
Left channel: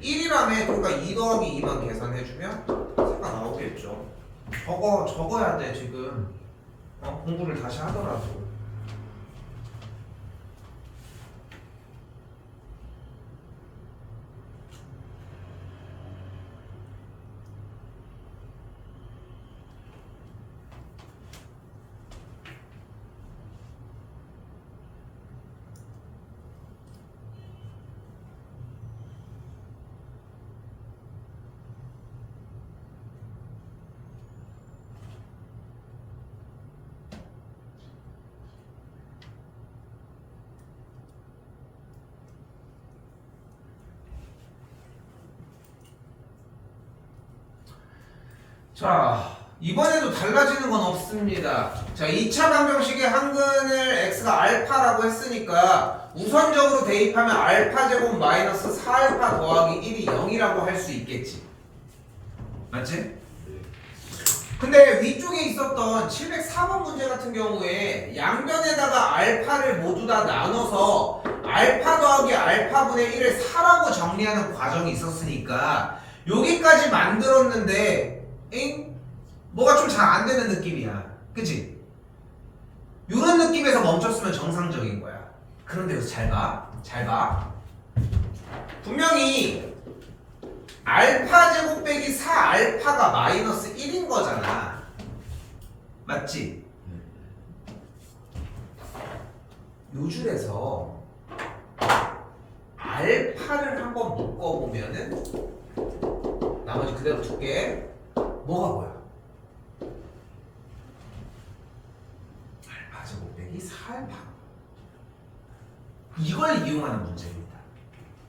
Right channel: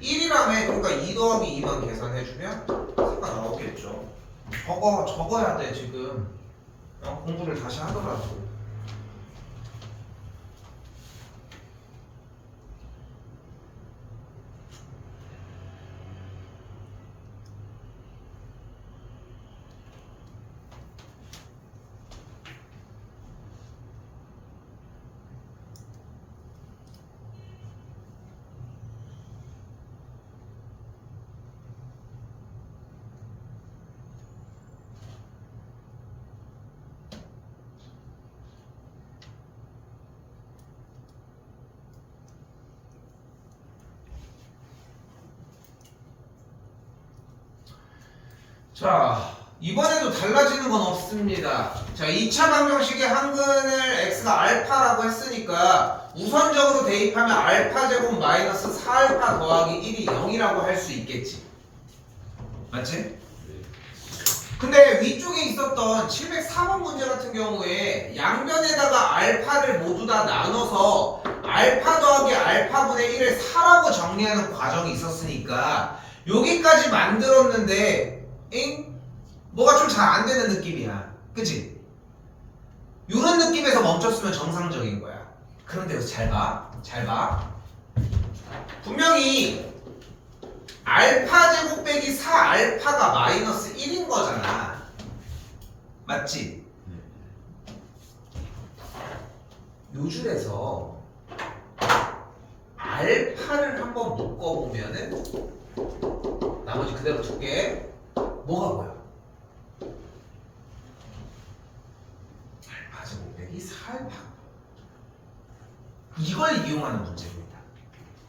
1이라며. 그러니까 2 더하기 2만 계산해주면 사가 나오겠죠. 적어야 돼 지금. 공부를 다시 하더라도. 자, 이번에도 달라지는 건 없습니다. 자, 2차 방정식의 한근을 x가 알파라고 했으니까 우선적으로 대입하면 알파 제곱 마이너스 4알파 더하기 1이 0이라고 할 수 있겠지. 맞지? 근데 위쪽에 있었던 704번 문제 같은 경우에 양변에다가 알파를 모두 다 나눠서 알파 더하기 알파분의 1을 4라고 정리하는 과정이 있었으니까 여기까지 만들었는데 뭐가 좀 잘 안 되는 느낌이야. 그치? 이런 느낌에서 멈췄으면 정상적인 거야. 그런데 여기서 잘 봐. 잘 봐. 분명히 알파 제곱 빼기 4알파가 마이너스 1인 거잖아. 맞지? 요 줄에서 알파를 한번 묶어보면은 나머지 그대로 둘게. 뭐가 보여? 알파 제곱 빼기 4알파. 이걸 이용하는 문제입니다.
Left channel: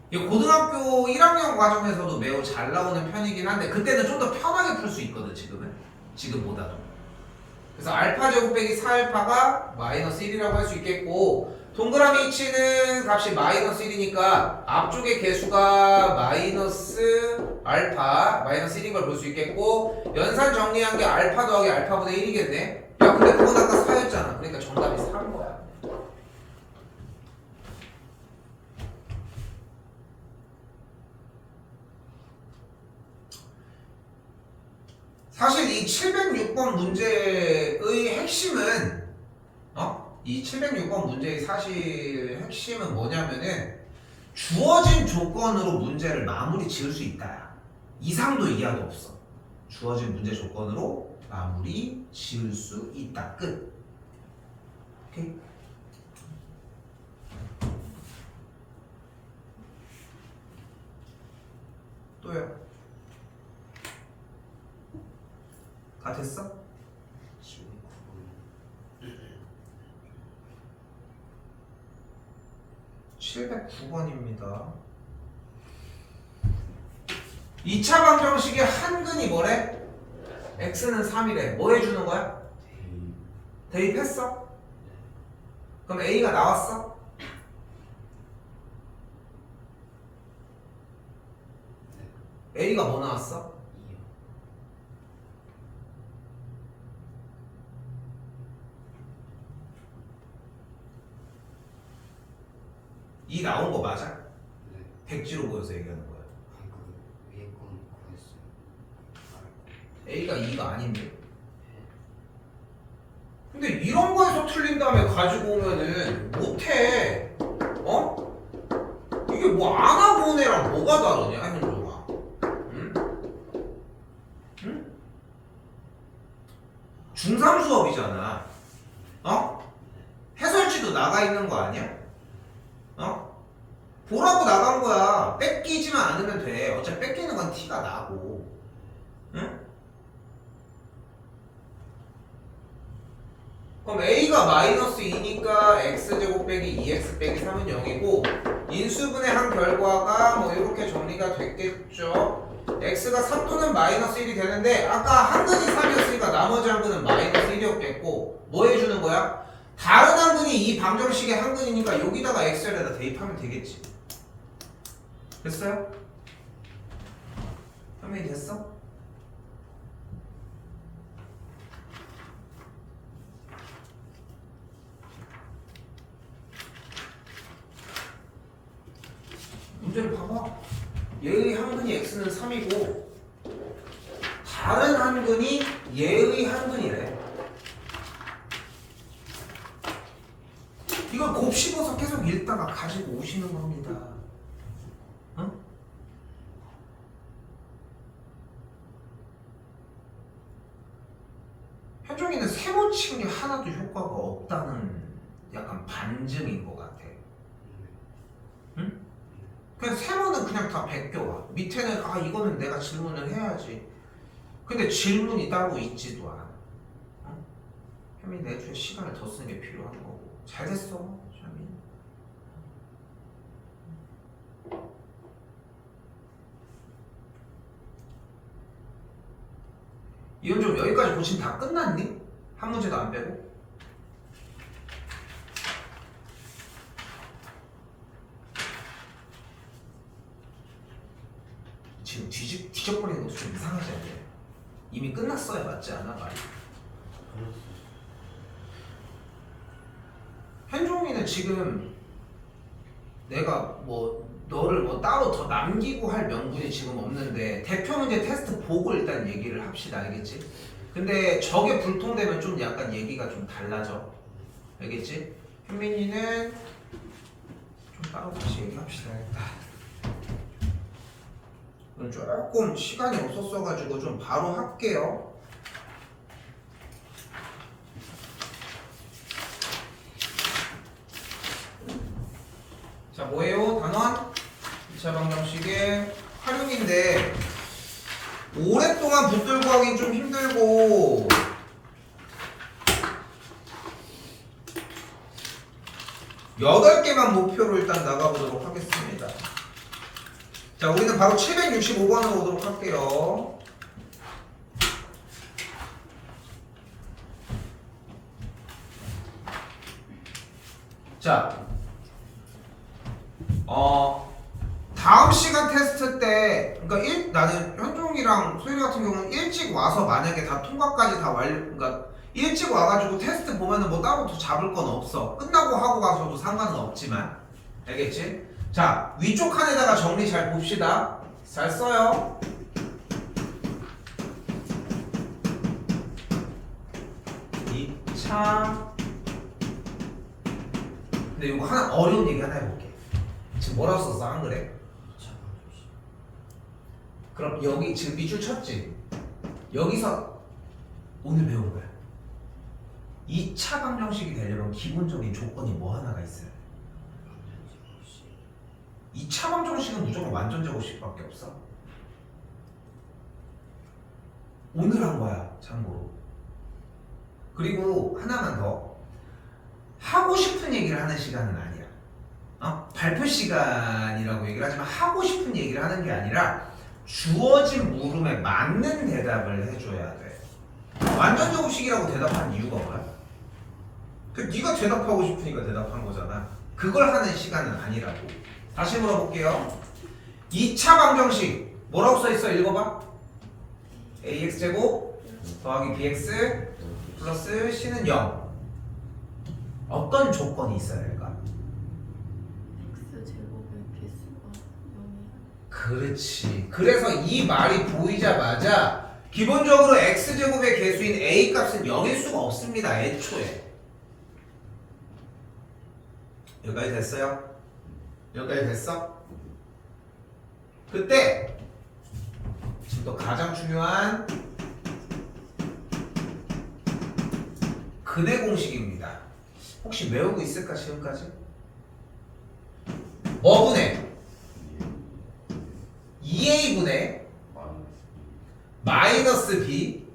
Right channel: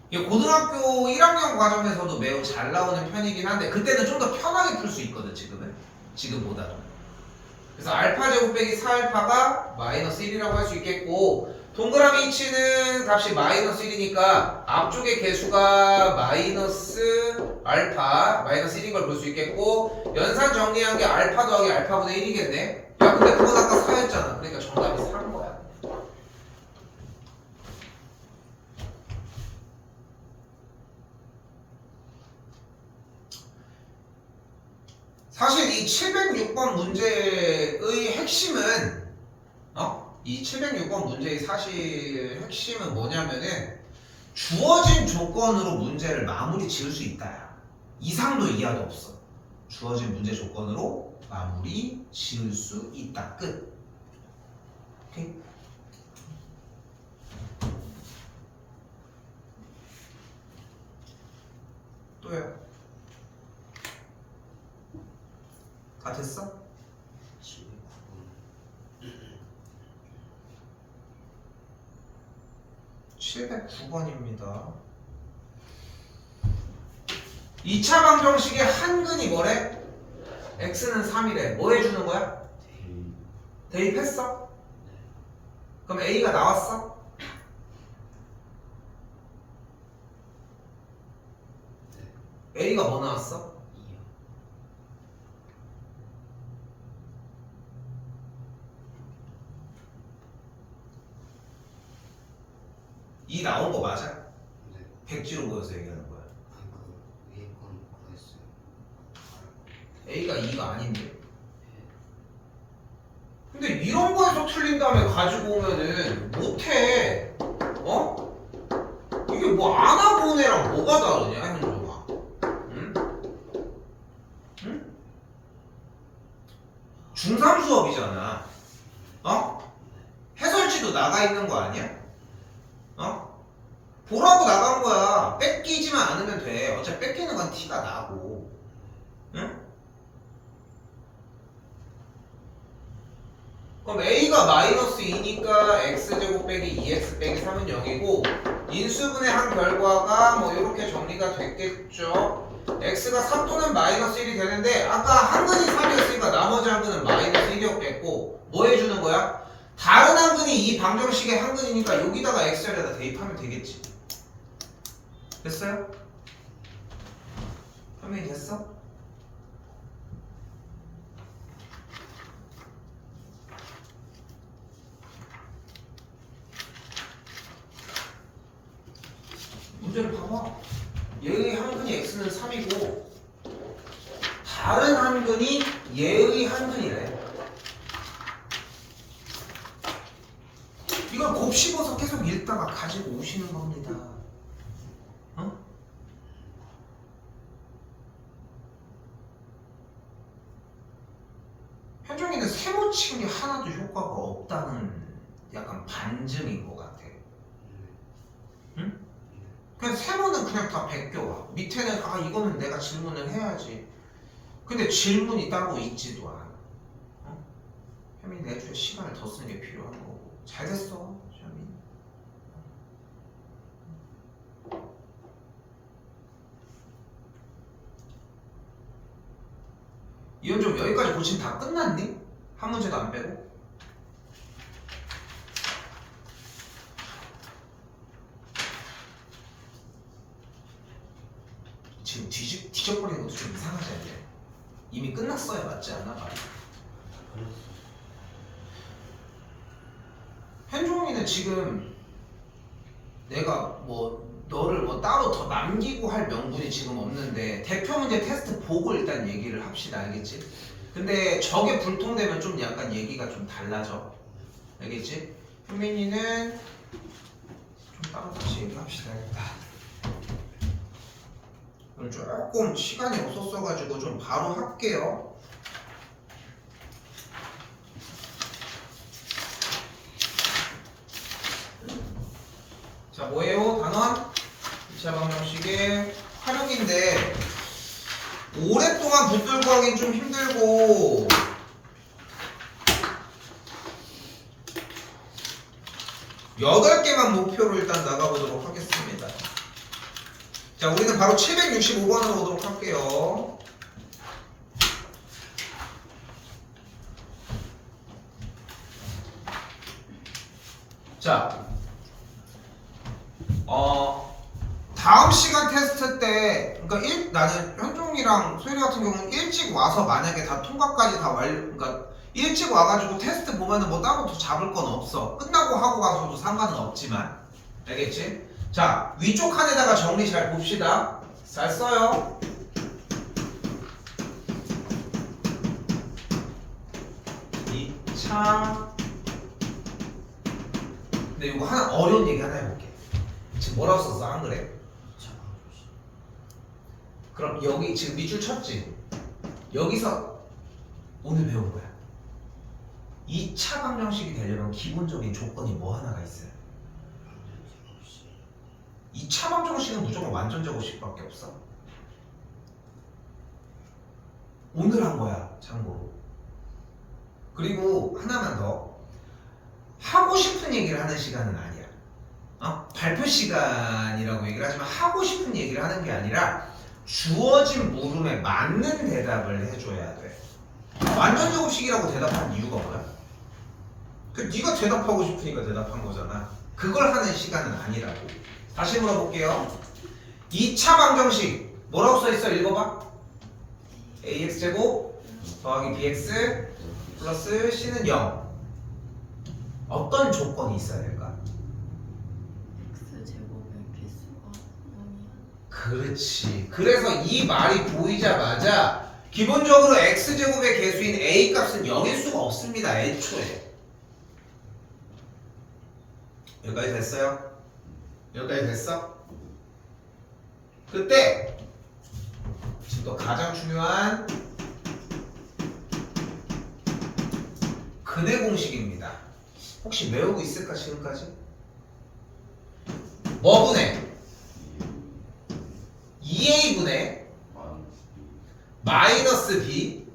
이 고등학교 1학년 과정에서도 매우 잘 나오는 편이긴 한데 그때는 좀 더 편하게 풀 수 있거든. 지금보다도. 그래서 알파 제곱 빼기 4알파가 마이너스 1이라고 할 수 있겠고 동그라미 치는 값이 마이너스 1이니까 앞쪽의 개수가 마이너스 알파 마이너스 1인 걸 볼 수 있겠고 연산 정리한 게 알파 더하기 알파분의 1이겠네. 야 근데 그건 아까 4였잖아. 그러니까 정답이 4인 거야. 사실 이 706번 문제의 핵심은 이 706번 문제의 사실 핵심은 뭐냐면은 주어진 조건으로 문제를 마무리 지을 수 있다. 이상도 이하도 없어. 주어진 문제 조건으로 마무리 지을 수 있다. 끝. 오케이? 또요. 다 됐어? 지금 709번입니다. 2차 방정식의 한근이 뭐래? x는 3이래. 뭐 해주는 거야? 대입했어? 그럼 a가 나왔어? a가 뭐 나왔어? 2요. 2 나온 거 맞아? 네. 백지로 보여서 얘기하는 거야. 그 위에 건 구했어요. a가 2가 아닌데. 근데 이런 거에서 틀린 다음에 가지고 오면은 못해. 이게 뭐 안 하고 온 애랑 뭐가 다르냐, 현종아? 응? 응? 중3 수업이잖아. 해설지도 나가 있는 거 아니야? 보라고 나간 거야. 뺏기지만 않으면 돼. 어차피 뺏기는 건 티가 나고. 응? 그럼 a가 마이너스 2니까 x제곱 빼기 2x 빼기 3은 0이고 인수분해 한 결과가 뭐 이렇게 정리가 됐겠죠. x가 3 또는 마이너스 1이 되는데 아까 한근이 3이었으니까 나머지 한근은 마이너스 1이었겠고 뭐 해주는 거야? 다른 한근이 이 방정식의 한근이니까 여기다가 x에다 대입하면 되겠지. 됐어요? 설명이 됐어? 문제를 봐봐. 얘의 한근이 x는 3이고 다른 한근이 얘의 한근이래. 이걸 곱씹어서 계속 읽다가 가지고 오시는 겁니다. 현종이는 세모 친 게 하나도 효과가 없다는 약간 반증인 것 같아. 응? 그냥 세모는 그냥 다 베껴와. 밑에는 이거는 내가 질문을 해야지. 근데 질문이 따로 있지도 않아. 혜민 내주에 시간을 더 쓰는 게 필요한 거고. 잘 됐어, 혜민. 이건 좀 여기까지 고치면 다 끝났니? 한 문제도 안 빼고? 지금 뒤적거리는 것도 좀 이상하지 않냐? 이미 끝났어야 맞지 않아 말이? 그렇죠. 현종이는 지금 내가 뭐 너를 뭐 따로 더 남기고 할 명분이 지금 없는데 대표 문제 테스트 보고 일단 얘기를 합시다. 알겠지? 근데 저게 불통되면 좀 약간 얘기가 좀 달라져. 알겠지? 현민이는 좀 따로 다시 얘기합시다. 일단 오늘 조금 시간이 없었어가지고 좀 바로 할게요. 자, 뭐예요? 단원 2차 방정식의 활용인데 오랫동안 붙들고 하긴 좀 힘들고 여덟 개만 목표로 일단 나가보도록 하겠습니다. 자, 우리는 바로 765번으로 오도록 할게요. 자, 다음 시간 테스트 때, 그러니까 나는 현종이랑 소율이 같은 경우는 일찍 와서 만약에 다 통과까지 다 그러니까 일찍 와가지고 테스트 보면은 뭐 따로 더 잡을 건 없어. 끝나고 하고 가서도 상관은 없지만, 알겠지? 자, 위쪽 칸에다가 정리 잘 봅시다. 잘 써요. 이 차. 근데 이거 하나 어려운 얘기 하나 해볼게. 지금 뭐라고 썼어? 한글에? 2차 방정식. 그럼 여기 지금 밑줄 쳤지? 여기서 오늘 배운 거야. 2차 방정식이 되려면 기본적인 조건이 뭐 하나가 있어요? 완전 제곱식. 2차 방정식은 무조건 완전 제곱식밖에 없어. 오늘 한 거야, 참고로. 그리고 하나만 더. 하고 싶은 얘기를 하는 시간은 아니야. 발표 시간이라고 얘기를 하지만 하고 싶은 얘기를 하는 게 아니라 주어진 물음에 맞는 대답을 해줘야 돼. 완전 제곱식이라고 대답한 이유가 뭐야? 네가 대답하고 싶으니까 대답한 거잖아. 그걸 하는 시간은 아니라고. 다시 물어볼게요. 2차 방정식 뭐라고 써있어? 읽어봐. ax제곱 더하기 bx 플러스 c는 0. 어떤 조건이 있어야 될까? x제곱의 개수가 0이야. 그렇지. 그래서 이 말이 보이자마자 기본적으로 x제곱의 개수인 a 값은 0일 수가 없습니다. 애초에. 여기까지 됐어요? 여기까지 됐어? 그때 지금 또 가장 중요한 근해 공식입니다. 혹시 외우고 있을까 지금까지? 뭐분의? 2a분의 마이너스 b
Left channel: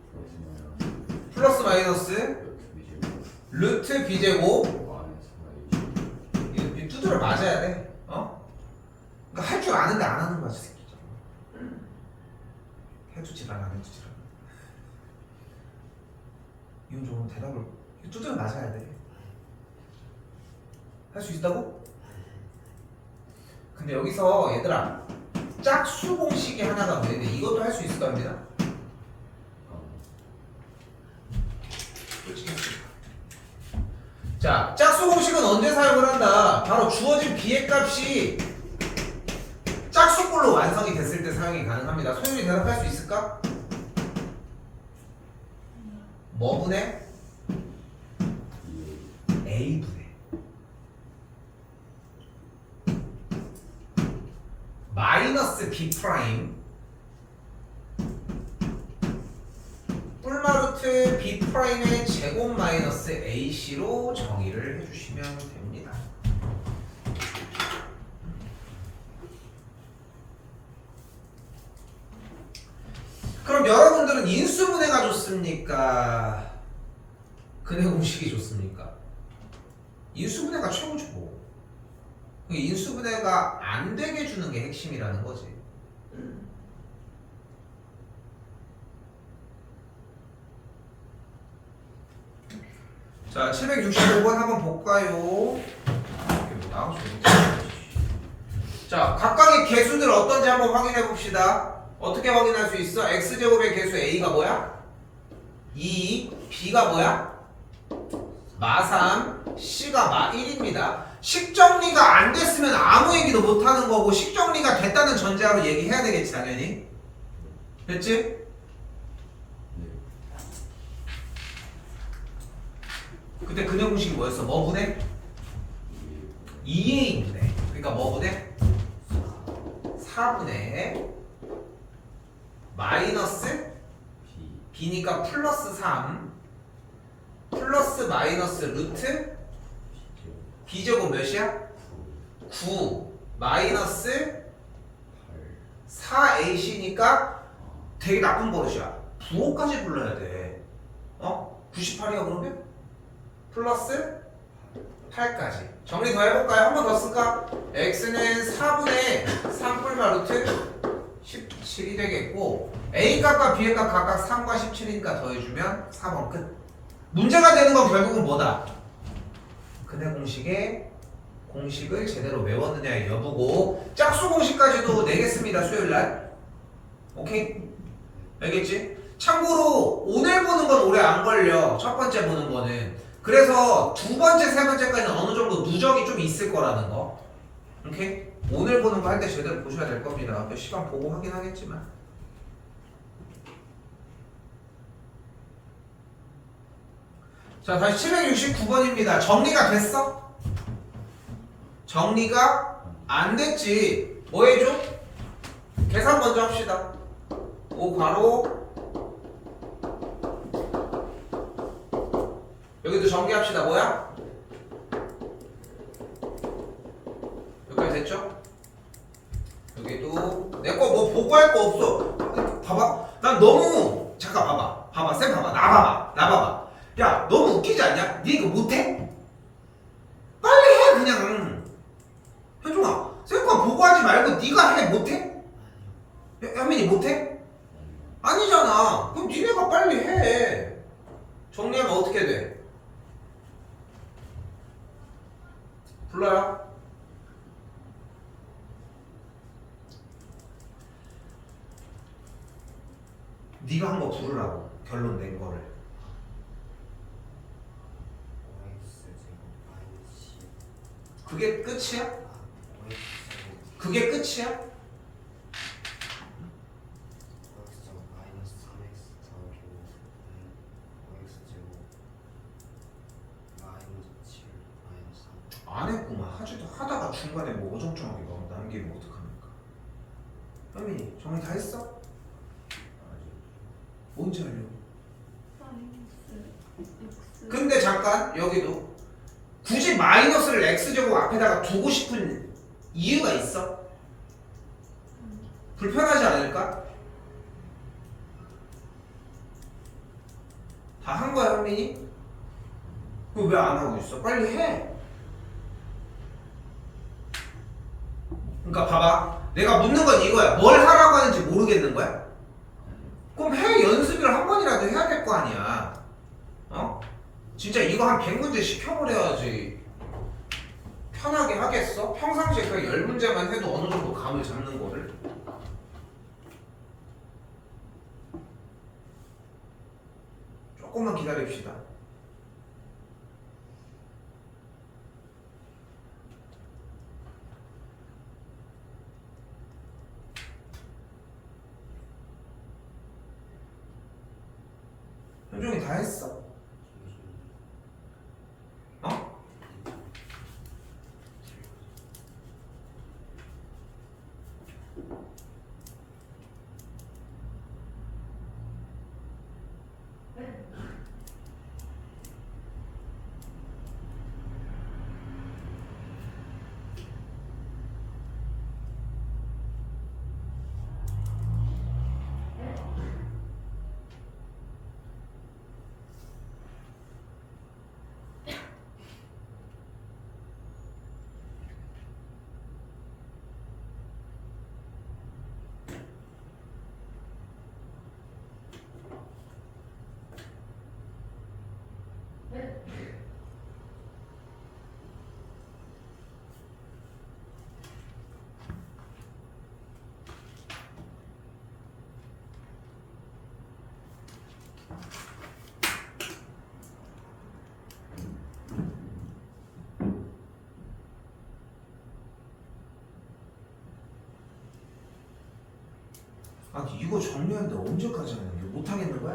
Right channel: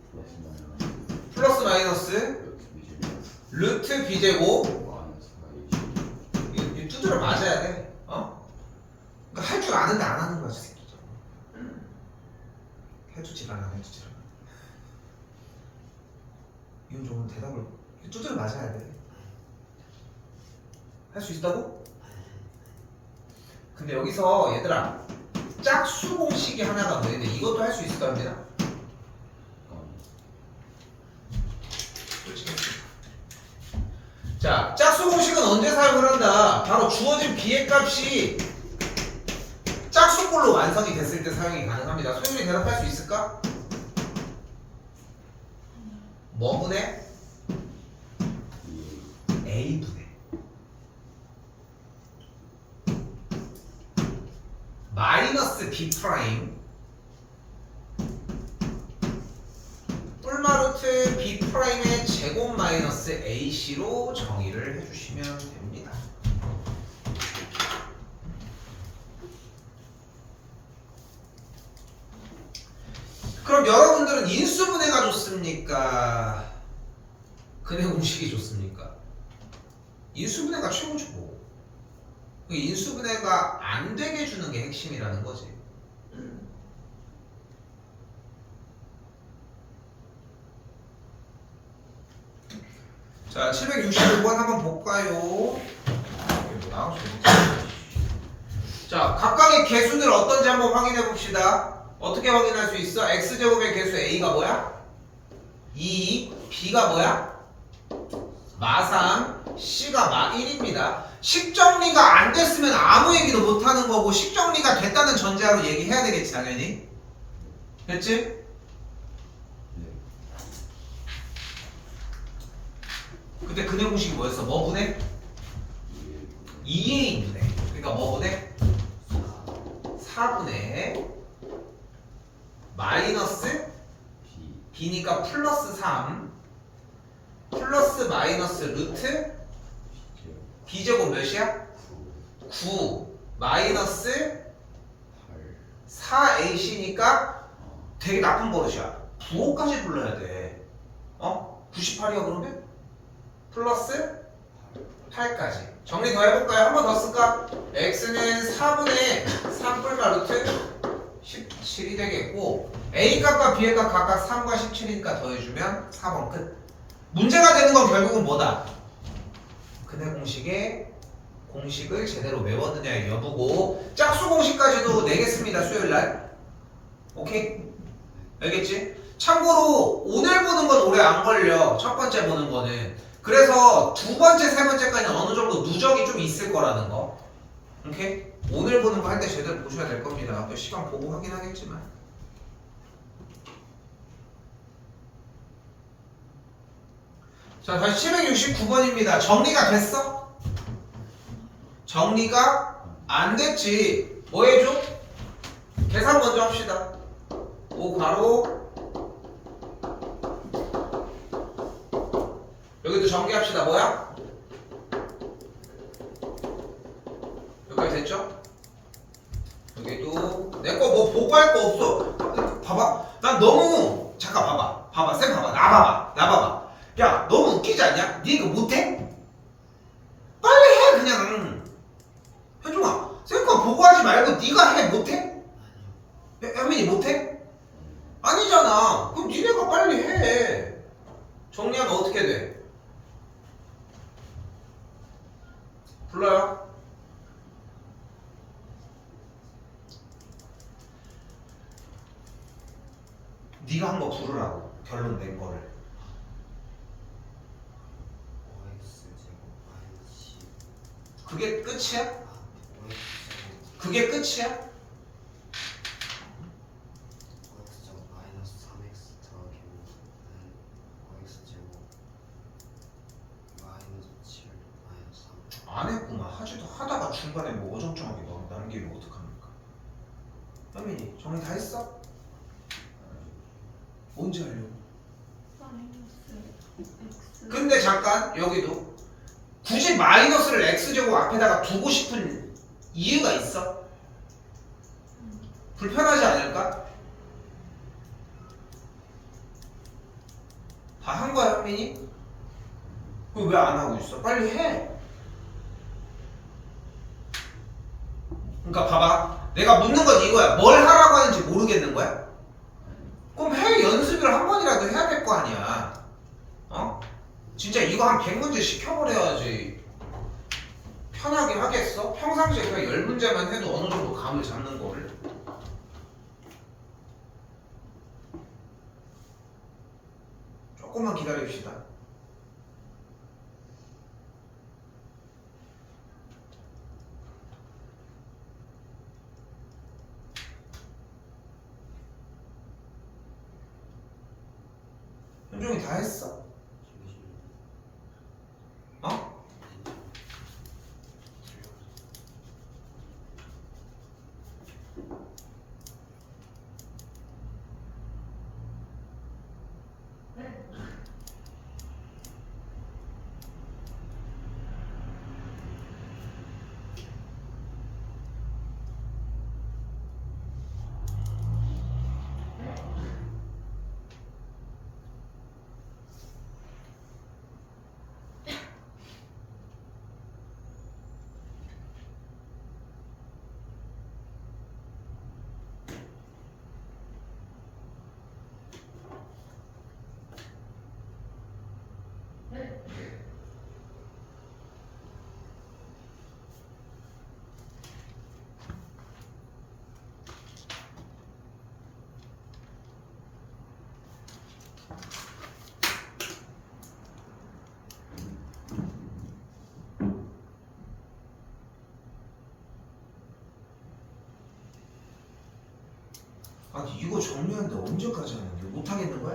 플러스 마이너스 루트 b제곱. 이거 두드려 맞아야 돼. 그러니까 할 줄 아는데 안 하는 거야, 이 새끼죠. 해주질 않아, 해주질 않아. 이건 좀 대답을 두드려 맞아야 돼. 할 수 있다고? 근데 여기서 얘들아 짝수 공식이 하나가 더 있는데 이것도 할 수 있을 겁니다. 자, 짝수 공식은 언제 사용을 한다? 바로 주어진 b의 값이 짝수꼴로 완성이 됐을 때 사용이 가능합니다. 소윤이 대답할 수 있을까? 뭐분의? a분의 마이너스 b 프라임 뿔마루트 b 프라임의 제곱 마이너스 ac로 정의를 해주시면 됩니다. 그럼 여러분들은 인수분해가 좋습니까? 근해 공식이 좋습니까? 인수분해가 최고죠. 인수분해가 안 되게 주는 게 핵심이라는 거지. 자, 765번 한번 볼까요? 이게 뭐야? 자, 각각의 개수들 어떤지 한번 확인해 봅시다. 어떻게 확인할 수 있어? x제곱의 개수 a가 뭐야? 2, b가 뭐야? 마3, c가 마1입니다. 식정리가 안 됐으면 아무 얘기도 못 하는 거고, 식정리가 됐다는 전제하로 얘기해야 되겠지, 당연히. 됐지? 네. 그때 근해 공식이 뭐였어? 뭐 분해? 2a인데. 그러니까 뭐 분해? 4분의 마이너스 B b니까 플러스 3 플러스 마이너스 루트 b제곱 몇이야? 9 마이너스 4ac니까 되게 나쁜 버릇이야. 부호까지 불러야 돼. 98이야 그러면? 플러스 8까지. 정리 더 해볼까요? 한 번 더 쓸까? x는 4분의 3뿔과 루트 17이 되겠고, a 값과 b의 값 각각 3과 17이니까 더해주면 4번 끝. 문제가 되는 건 결국은 뭐다? 근해 공식의 공식을 제대로 외웠느냐의 여부고, 짝수 공식까지도 내겠습니다 수요일날. 오케이? 알겠지? 참고로 오늘 보는 건 오래 안 걸려. 첫 번째 보는 거는. 그래서 두 번째, 세 번째까지는 어느 정도 누적이 좀 있을 거라는 거. 오케이? 오늘 보는 거 할 때 제대로 보셔야 될 겁니다. 몇 시간 보고 하긴 하겠지만. 자, 다시 769번입니다. 정리가 됐어? 정리가 안 됐지. 뭐 해줘? 계산 먼저 합시다. 5 괄호 여기도 전개합시다. 뭐야? 여기까지 됐죠? 여기도 내 거 뭐 보고 할 거 없어. 봐봐. 난 너무 잠깐 봐봐. 쌤 봐봐. 나 봐봐. 야, 너무 웃기지 않냐? 니 이거 못해? 빨리 해 그냥. 현종아, 쌤 거 보고 하지 말고 니가 해. 못해? 현민이 못해? 아니잖아. 그럼 니네가 빨리 해. 정리하면 어떻게 돼? 불러요. 네가 한 거 부르라고. 결론 낸 거를. 그게 끝이야? 그게 끝이야? 안 했구만. 하지도 하다가 중간에 뭐 어정쩡하게 막 남기면 어떡합니까? 현민이 정리 다 했어? 언제 하려고? 마이너스 x 근데 잠깐 여기도 굳이 마이너스를 x제곱 앞에다가 두고 싶은 이유가 있어? 불편하지 않을까? 다 한 거야 현민이? 그럼 왜 안 하고 있어? 빨리 해. 그러니까 봐봐. 내가 묻는 건 이거야. 뭘 하라고 하는지 모르겠는 거야? 그럼 해. 연습을 한 번이라도 해야 될 거 아니야. 진짜 이거 한 100문제 시켜버려야지 편하게 하겠어? 평상시에 그냥 10문제만 해도 어느 정도 감을 잡는 거를. 조금만 기다립시다. 현종이 다 했어. 어? 이거 정리하는데 언제까지 하는 게 못하겠는 거야?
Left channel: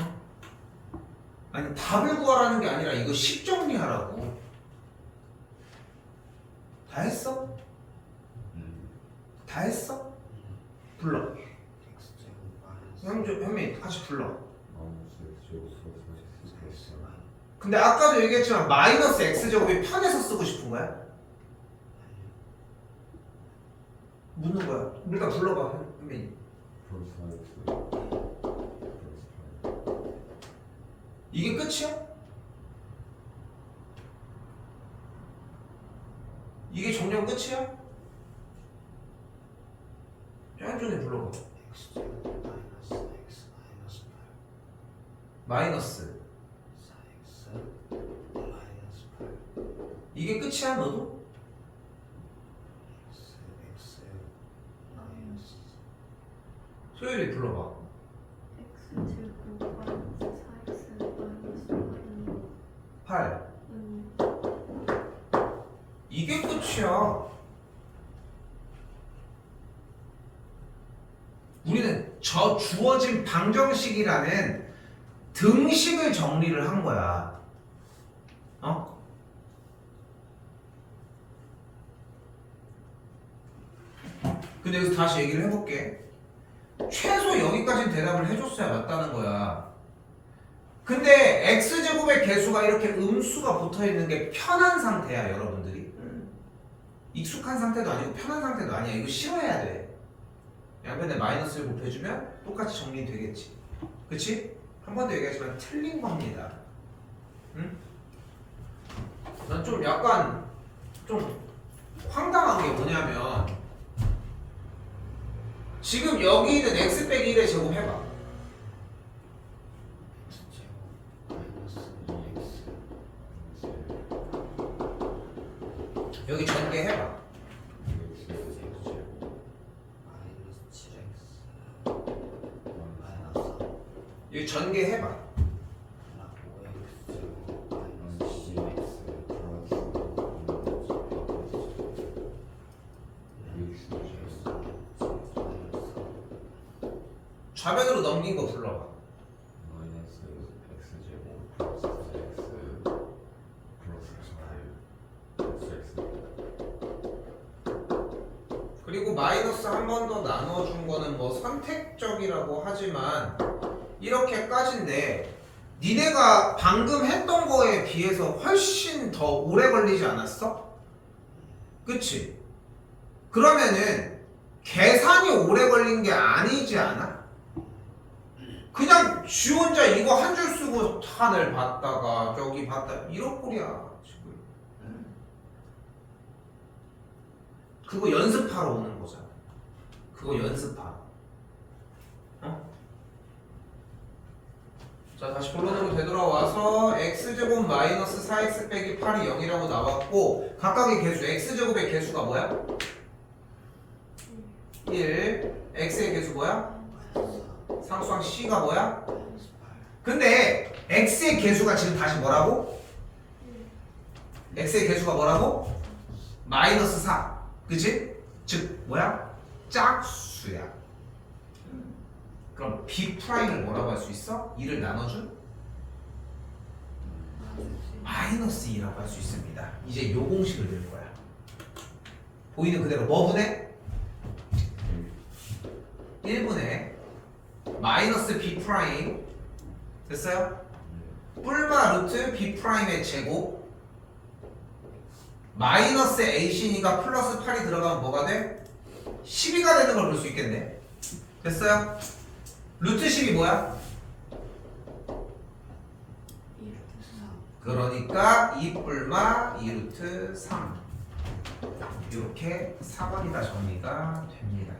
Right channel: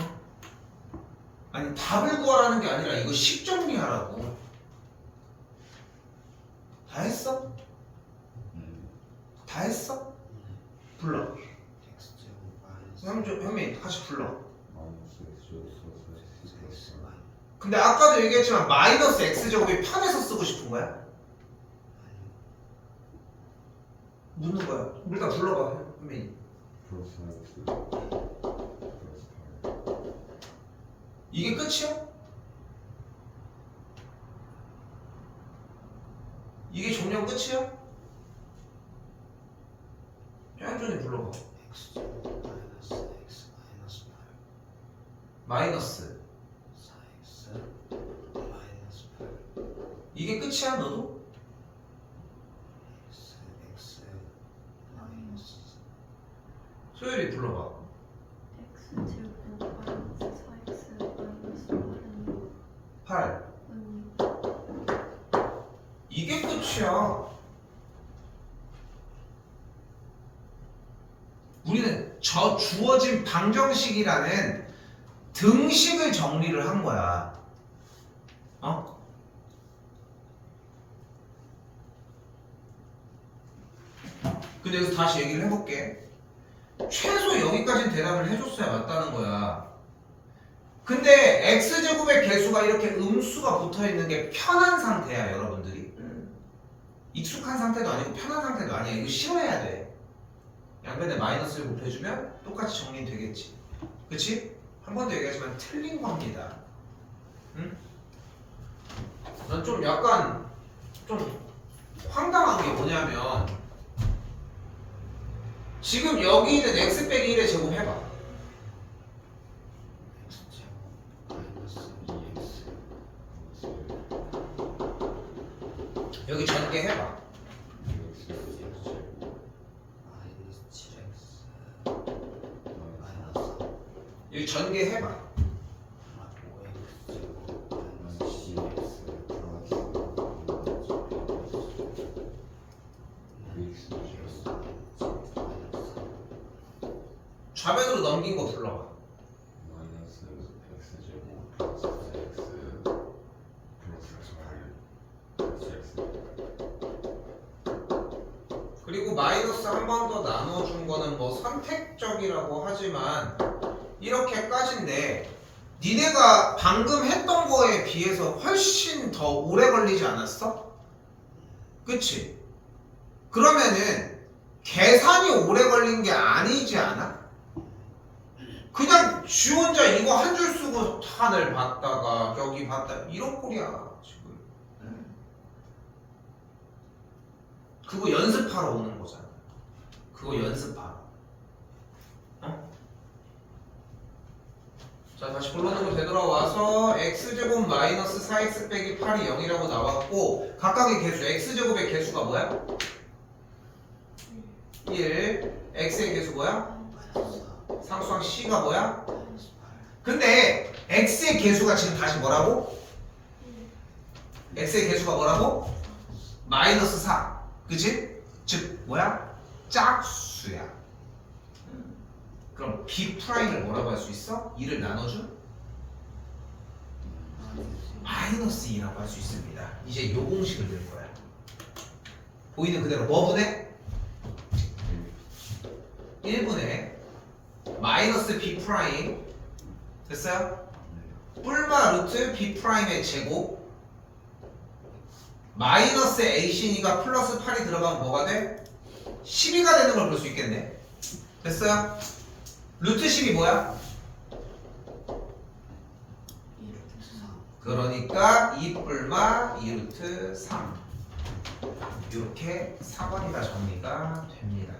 어? 아니 답을 구하라는 게 아니라 이거 식 정리하라고. 다 했어? 다 했어? 불러. x제곱 마이너스 현민 같이 불러. 마이너스 x제곱 플러스 x 마이너스 근데 아까도 얘기했지만 마이너스 x제곱이 편해서 쓰고 싶은 거야? 묻는 거야. 일단 불러봐 현민이. 플러스 x 플러스 8 이게 끝이야? 이게 정리하면 끝이야? 짠준이 불러봐. x제곱 마이너스 x 마이너스 8 마이너스 4x 마이너스 8 이게 끝이야 너도? x 마이너스 소율이 불러봐. x제곱 마이너스 4x 마이너스 8 8은 이게 끝이야. 우리는 저 주어진 방정식이라는 등식을 정리를 한 거야. 어? 근데 여기서 다시 얘기를 해볼게. 최소 여기까지는 대답을 해줬어야 맞다는 거야. 근데 x제곱의 개수가 이렇게 음수가 붙어있는 게 편한 상태야 여러분들이. 익숙한 상태도 아니고 편한 상태도 아니야. 이거 싫어해야 돼. 양변에 마이너스를 곱해주면 똑같이 정리되겠지. 그치? 한 번도 얘기하지만 틀린 겁니다. 응? 난 좀 약간 좀 황당한 게 뭐냐면 지금 여기 있는 x 빼기 1의 제곱 해봐. x제곱 마이너스 2x 여기 전개 해봐. 마이너스 7x 마이너스 3 여기 전개 해봐. 5x제곱 마이너스 2x 좌변으로 넘긴 거 불러봐. 마이너스 x제곱 플러스 x 플러스 8 플러스 x 그리고 마이너스 한 번 더 나눠준 거는 뭐 선택적이라고 하지만 이렇게까지인데 니네가 방금 했던 거에 비해서 훨씬 더 오래 걸리지 않았어? 그치? 그러면은 계산이 오래 걸린 게 아니지 않아? 그냥 지 혼자 이거 한 줄 쓰고 하늘 봤다가 저기 봤다 이런 꼴이야 지금. 그거 연습하러 오는 거잖아. 그거 연습하러. 어? 자 다시 본론으로 되돌아와서 x제곱 마이너스 4x 빼기 8이 0이라고 나왔고 각각의 개수 x제곱의 개수가 뭐야? 1 x의 개수 뭐야? 마이너스 4 상수항 c가 뭐야? 마이너스 8 근데 x의 개수가 지금 다시 뭐라고? x의 개수가 뭐라고? 마이너스 4 그치? 즉 뭐야? 짝수야. 그럼 b 프라임을 뭐라고 할 수 있어? 2를 나눠준 마이너스 2라고 할 수 있습니다. 이제 요 공식을 낼 거야. 보이는 그대로 뭐 분의? 1분의 마이너스 b 프라임 됐어요? 뿔마 루트 b 프라임의 제곱 마이너스 a 신이가 플러스 8이 들어가면 뭐가 돼? 12가 되는 걸 볼 수 있겠네. 됐어요? 루트 10이 뭐야? 그러니까 2 뿔마 2 루트 3 이렇게 4번이 다 정리가 됩니다.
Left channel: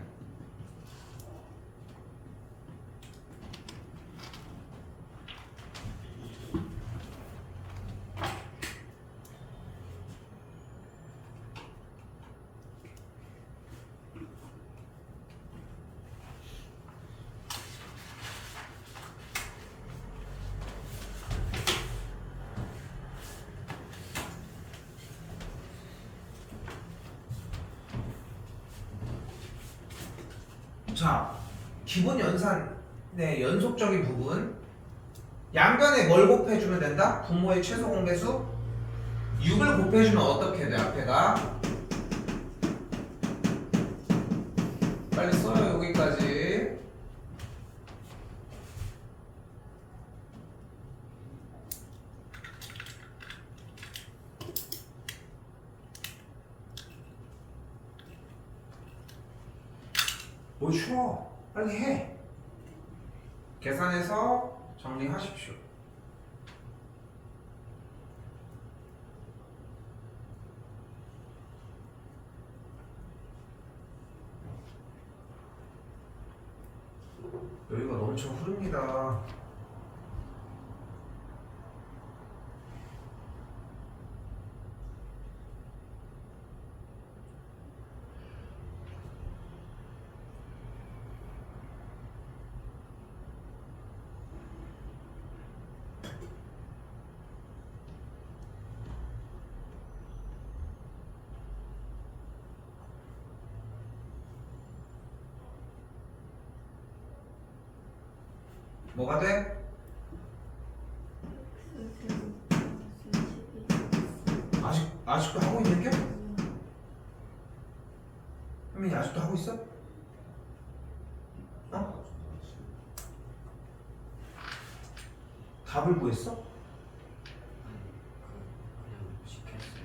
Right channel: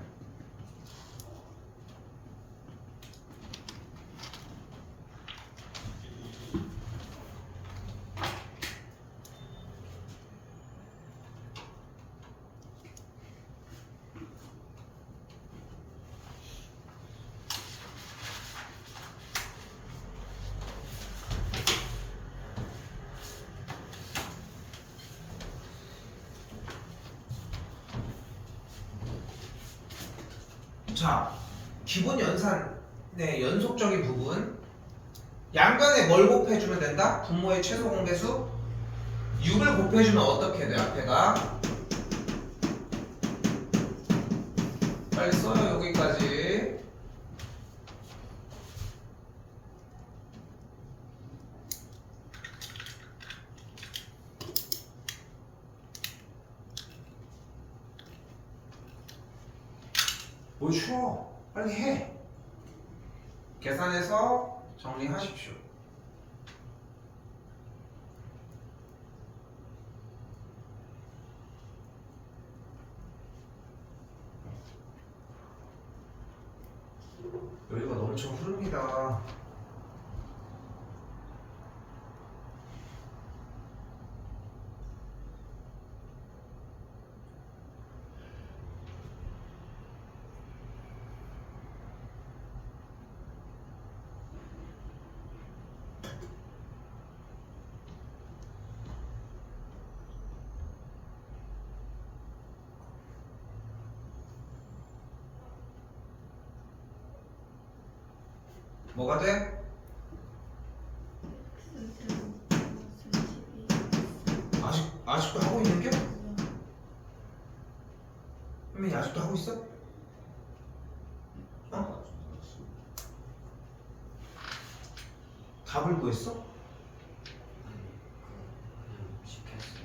자, 기본 연산의 연속적인 부분. 양변에 뭘 곱해주면 된다? 분모의 최소 공배수 6을 곱해주면 어떻게 돼? 앞에가 빨리 써요. 여기까지. 뭘 쉬워. 빨리 해. 계산해서 정리하십시오. 여기가 넘쳐 흐릅니다. 뭐가 돼? 아직도 하고 있는 게? 현민이 아직도 하고 있어? 어? 답을 구했어? 그냥 쉽게 했어요.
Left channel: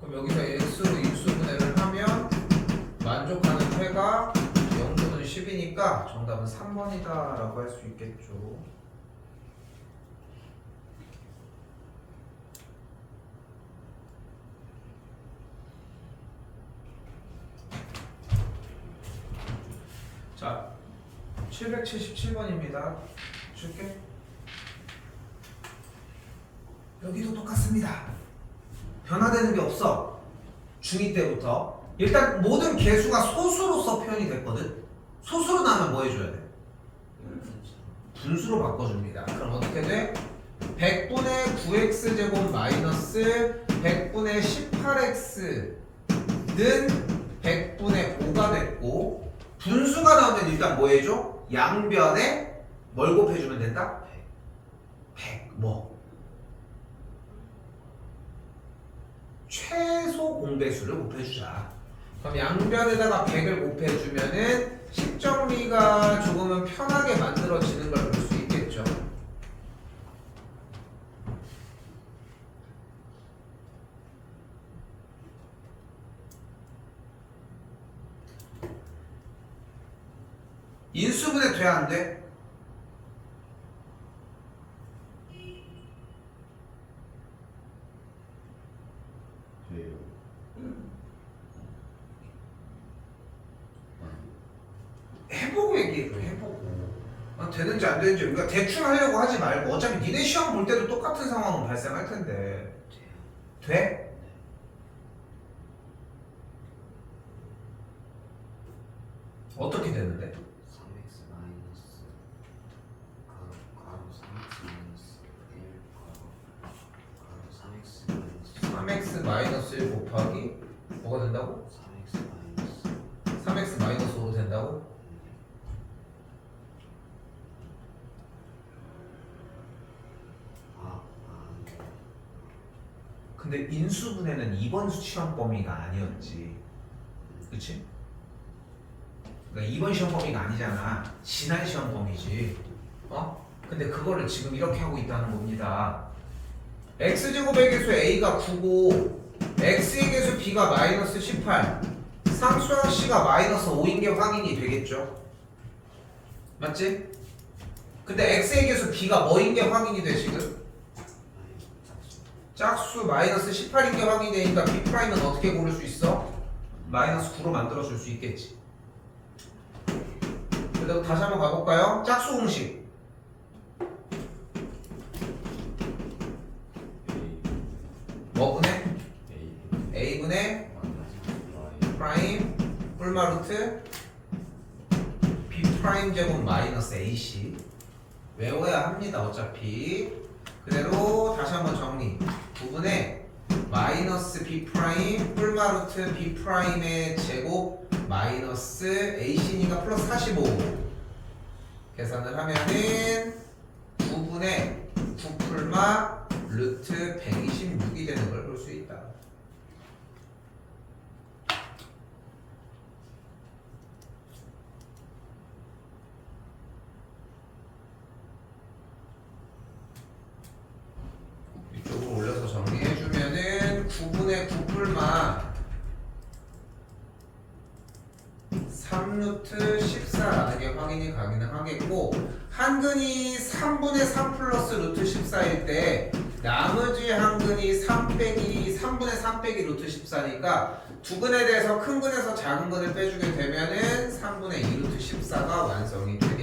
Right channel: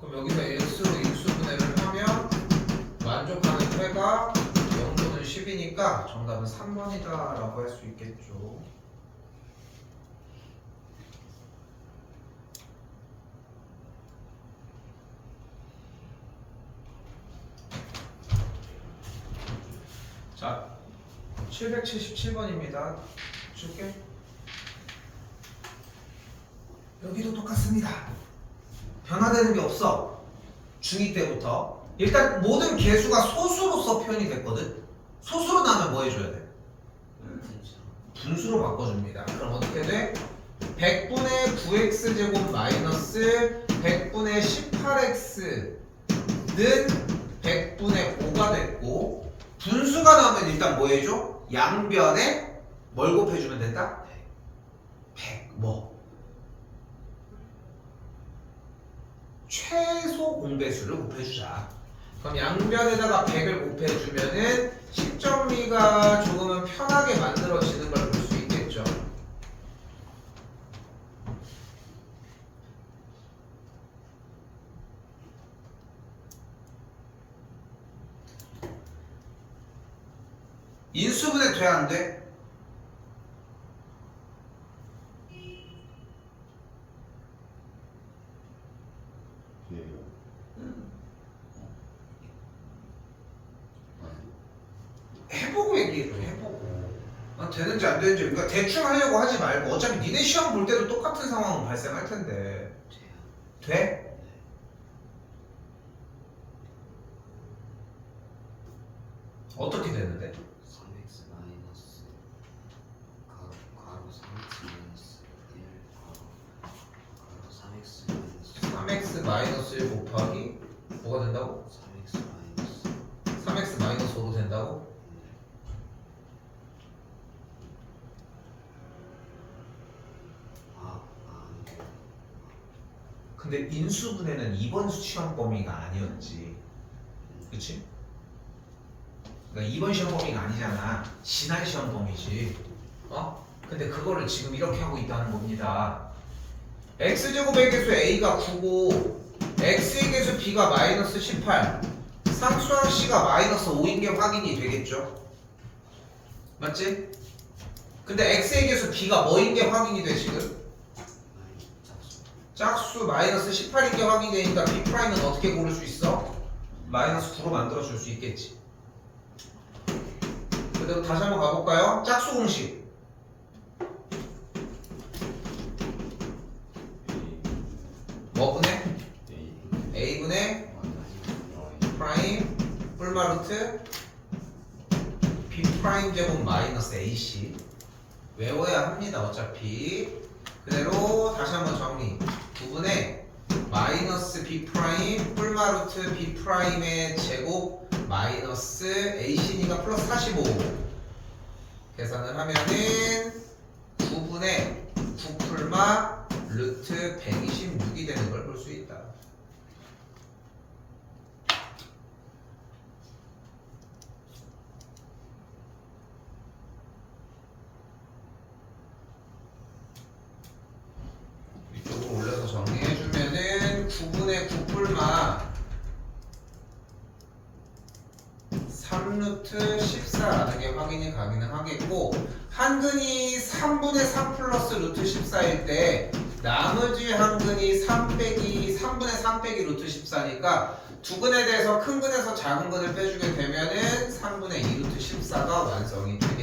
그럼 여기서 x로 인수분해를 하면 만족하는 회가 0 또는 10이니까 정답은 3번이다 라고 할 수 있겠죠. 자, 777번입니다. 줄게. 여기도 똑같습니다. 변화되는 게 없어. 중2 때부터. 일단 모든 개수가 소수로서 표현이 됐거든. 소수로 나면 뭐 해줘야 돼? 분수로 바꿔줍니다. 그럼 어떻게 돼? 100분의 9x제곱 마이너스 100분의 18x는 100분의 5가 됐고, 분수가 나오면 일단 뭐 해줘? 양변에 뭘 곱해주면 된다? 100 뭐? 최소 공배수를 곱해주자. 그럼 양변에다가 100을 곱해주면은 식정리가 조금은 편하게 만들어지는 걸 볼 수 있겠죠. 인수분해 돼야 안 돼? 돼요. 해보고 얘기해. 해보고 되는지 안 되는지. 그러니까 대충 하려고 하지 말고 어차피 니네 시험 볼 때도 똑같은 상황은 발생할 텐데. 돼요. 돼? 어떻게 되는데? 3x 마이너스 괄호 3x 마이너스 1 괄호 3x 마이너스 3x 마이너스 1 곱하기 뭐가 된다고? 3x 마이너스 3x 마이너스 5로 된다고? 네. 근데 인수분해는 이번 시험 범위가 아니었지. 그치? 그러니까 이번 시험 범위가 아니잖아. 지난 시험 범위지. 어? 근데 그거를 지금 이렇게 하고 있다는 겁니다. x제곱의 개수 a가 9고 x의 개수 b가 마이너스 18, 상수항 c가 마이너스 5인 게 확인이 되겠죠? 맞지? 근데 x의 개수 b가 뭐인 게 확인이 돼 지금? 짝수 마이너스 18인 게 확인이 되니까 b'은 어떻게 고를 수 있어? 마이너스 9로 만들어줄 수 있겠지. 그래도 다시 한번 가볼까요? 짝수 공식 뭐분의? a분의 프라임 뿔마루트 b 프라임 제곱 마이너스 ac 외워야 합니다. 어차피 그대로 다시 한번 정리. 9분의 마이너스 b 프라임 뿔마루트 b 프라임의 제곱 마이너스 AC니까 플러스 45 계산을 하면은 9분의 9풀마 루트 126이 되는 걸 볼 수 있다. 이쪽으로 올려서 정리해주면은 9분의 9풀마 3루트 14라는 게 확인이 가능하겠고 한근이 3분의 3 플러스 루트 14일 때 나머지 한근이 3 빼기 3분의 3 빼기 루트 14니까 두 근에 대해서 큰 근에서 작은 근을 빼주게 되면은 3분의 2 루트 14가 완성이 돼요.